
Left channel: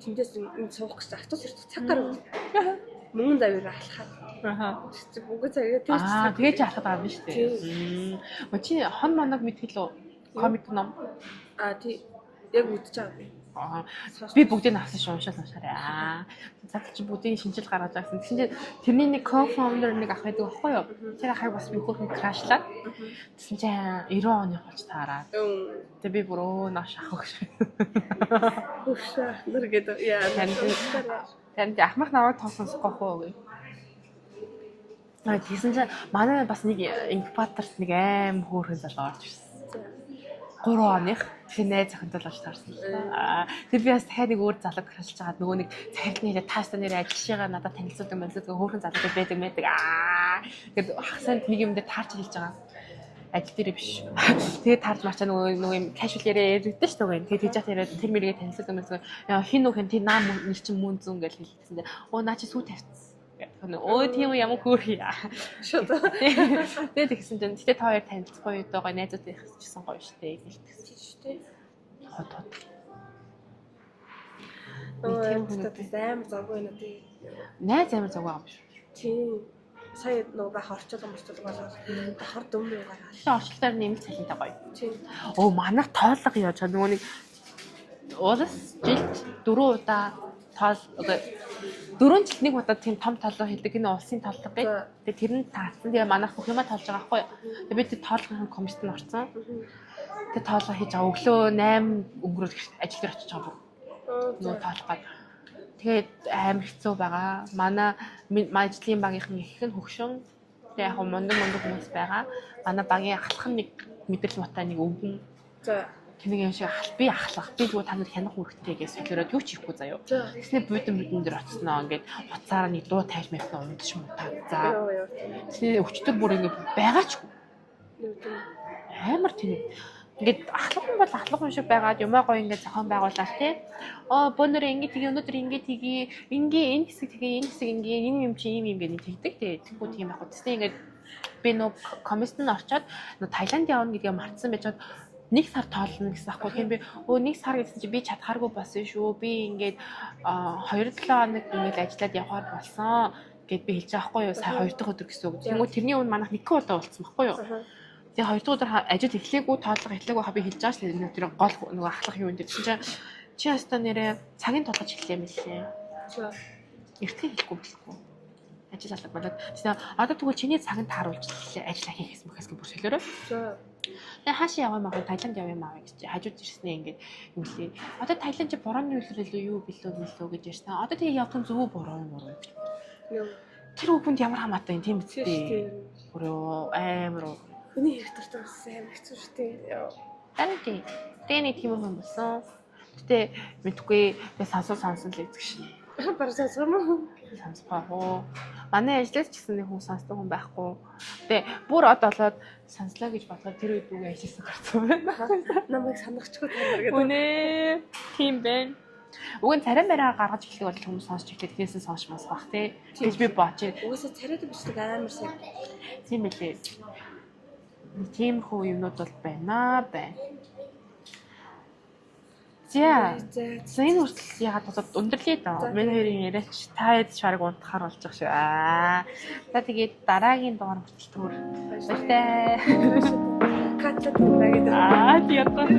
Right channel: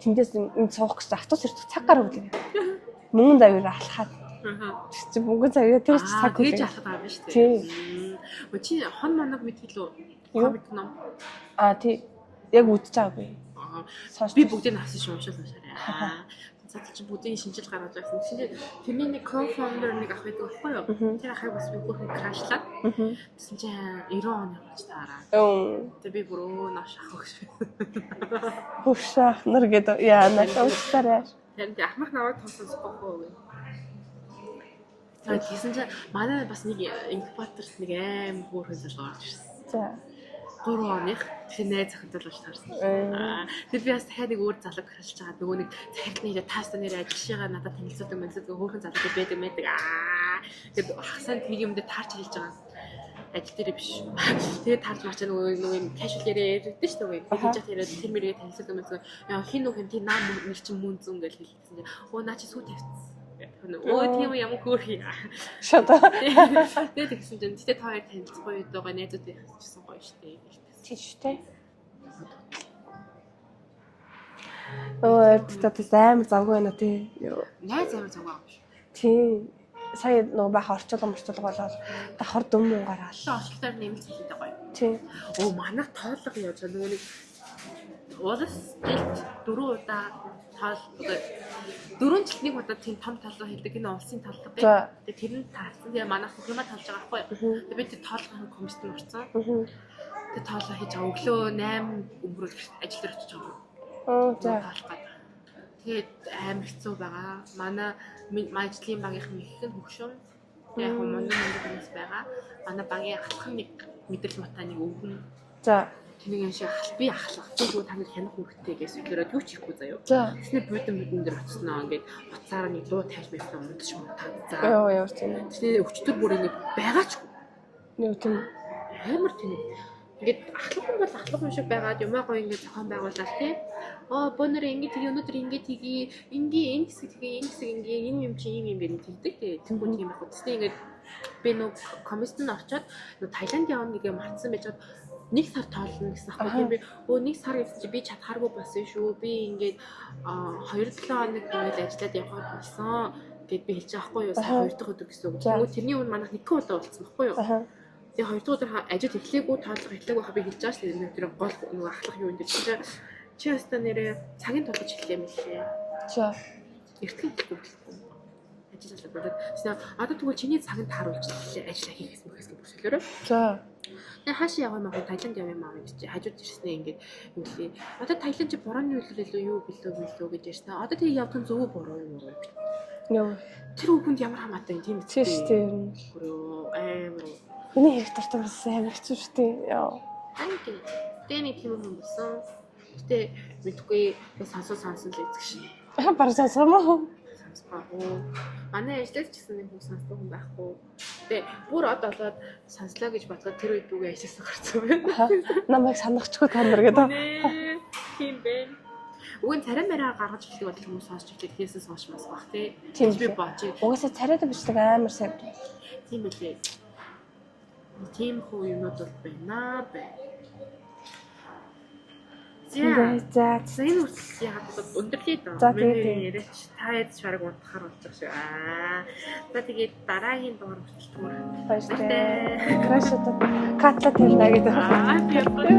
тэндээс энэ суух гэж автобус ирдэг цаг гарав гэдэг. Мөнгөн завыг алхаад. Чи мөнгөн завыг тэгж цаг тэгж алхаад байгаа юм шүү дээ. Тийм. Чи хон манаг мэдхэл үү? Комик ном. Тий. Яг үтж байгаа би. Би бүгдийг авсан шүү уншаарай. Цаатал чи бүгдийг шинжилж гаргаж байгаа гэсэн. Тэгсэн чи тэрний нэг co-founder нэг ах байдаг байхгүй юу? Тэр ахыг бас би хүүхний крашлаад. Тэгсэн чи 90 оны болж таараа. Тэгээ би бүр нааш ах гэж. Хөшөх нар гэдэг яа надад уучлаарай. Тэнд ахмах наваа тоосон сохоо гээ. Тэгсэн чи манай бас нэг инкубаторт нэг аим хөөрхөн залуу орж ирсэн. За 3 оных тэгэхээр найз захинтай болж таарсан. Тэр би бас дахиад нэг өөр залуу крашж байгаа нөгөө нэг цахилт нэрээ таастаа нэрээ ажиллашгаа надад танилцуулдаг мэлзэдэг хөөрхөн залуутай байдаг мэдэг. Гэт хасанд нэг юм дээр таарч хэлж байгаа. Ажил дээр биш. Тэгээд таарч марчаа нөгөө юм кашуал яриа ярьдэн шүү дээ. Тэгээд хийж яриад тэр мэргээ танилцуулдаг мэлзэг. Яа хин нөх энэ наа нэг чинь мөн зүүн гэж хэлсэн. Оо наа чи сүү тавьчихсан. Өө тийм юм ямар хөөрхий. Шода. Тэгээд тэгсэн чинь гэтээ та хоёр танилцахгүй юу даа найзууд байх гэсэн гоё штэ гэлтсэн. Тийм шүү дээ. Хот. Тэгээд амар завгүй байна тий. Найз амар завгүй юм шүү. Тийм. Сая нөгөө баха орчуулга болоод давхар дөм гараал. Орчлоор нэмэлт цалинтай гоё. Тийм. Оо манайх тоолго яаж нөгөө нэг уулас жилд 4 удаа тоол одоо 4 жилд нэг удаа тийм том тоолго хийдэг энэ улсын тоолго гэх. Тэгээ тэр нь таацсан. Тэгээ манайх бүх юма тоолж байгаа байхгүй. Тэгээ бид тоолгын комиссэнд орсон. Тэгээ тоолго хийж байгаа өглөө 8 өнгөрөөд ажил дээр очиж байгаа. За тоолгоо. Тэгээд амар хэцүү байгаа. Манай ажлын багийнхан их хэн хөгшин. Тэгээ яг мундаг хүмүүс байгаа. Манай багийн ахлах нэг мэдрэл муутай нэг өвгөн. За тэнийг яашаа би ахлах. Би юу та нар хянах үүрэгтэй гэж солиороод юу ч хийхгүй заяа. Тэснэ будин дээр оцсноо ингээд уцаараа нэг дуу тайж мэвнэ ундаж муу тав. За. Яа тийм. Тэгээ өчтөр бүр ингээд байгаач. Нэг тийм амар тийм. Ингээд ахлах юм бол ахлах юм шиг байгаад юмаа гоё ингээд зохион байгуулаад тий. Бөөнөр ингээд тгий өнөөдөр ингээд тгий ингээ энэ хэсэг тгий энэ хэсэг ингээ энэ юм чи юм гэдэг тэгдэг тий. Тэнгүүн юм яг үстэй ингээд би нөө комиссэнд орчоод нөө Таиланд явна гэдгийг мартсан байж чад нэг сар тоолно гэсэн аахгүй тийм би нэг сар гэсэн чи би чадхааргүй болсон шүү. Би ингээд 2-7 хоног ингээд ажиллаад явхаар болсон гэд би хэлж байгаа байхгүй юу. Сая 2 дахь өдөр гэсэн үг. Тэгмээ тэрний өмнө манайх 1 удаа уулзсан байхгүй юу. Тэгээ 2 дахь өдөр ажил эхлэегүй тоолго эхлэегүй хаби хэлж байгаа шүү дээ. Тэр гол нөгөө ахлах юу энэ чинь чи ястаа нэрээ цагийн толгож эхлэе мэлээ. Чи эртхэн хэлэхгүй. Ажил алга болоод тийм одоо тэгвэл чиний цагт тааруулж ажиллаа хийхээс мөхөөс бүр солиорой. За. Тэгээ хаашаа яваа маа Таиланд яваа маа гэж хажууд ирснээ ингээд юм лээ. Одоо Таиланд чи борооны үйлрэл юу билүү гэж ярьсан. Одоо тэгээ явсан зөв бороо юм уу? Нөө тэр хүнд ямар хамаатай юм тийм үү шүү дээ. Бүрөө амар уу. Миний хэрэг дуртай бас амар хэцүү шүү дээ. Яа. Танти. Тэний тийм юм болсон. Гэтэ мэдгүй би сонсон л эзэгш. Бараг сонсомоо. Сонсгоо. Манай ажлаас ч гэсэн нэг хүн сонсдог хүн байхгүй. Тэгээ бүр од болоод сонслоо гэж бодлоо тэр үед үгээ ажилласан гарсан байна. Намайг санахчгүй та нар гэдэг. Тийм байна. Уг нь царай мараа гаргаж эхлэх бол хүмүүс сонсч эхлэх тийсэн сонсмоос бах тий. Тийм би бооч. Угаасаа царайд бичдэг амар сайн. Тийм билээ. Тийм хөө юмнууд бол байна. За энэ үртэл ягаад болоод өндөрлөө доо. Миний яриач та хэд шарг унтахаар болж байгаа шүү. За тэгээд дараагийн дугаар хүртэл баярлалаа. Баярлалаа. Краашаа катлат хэлнэ гэдэг. Тийм.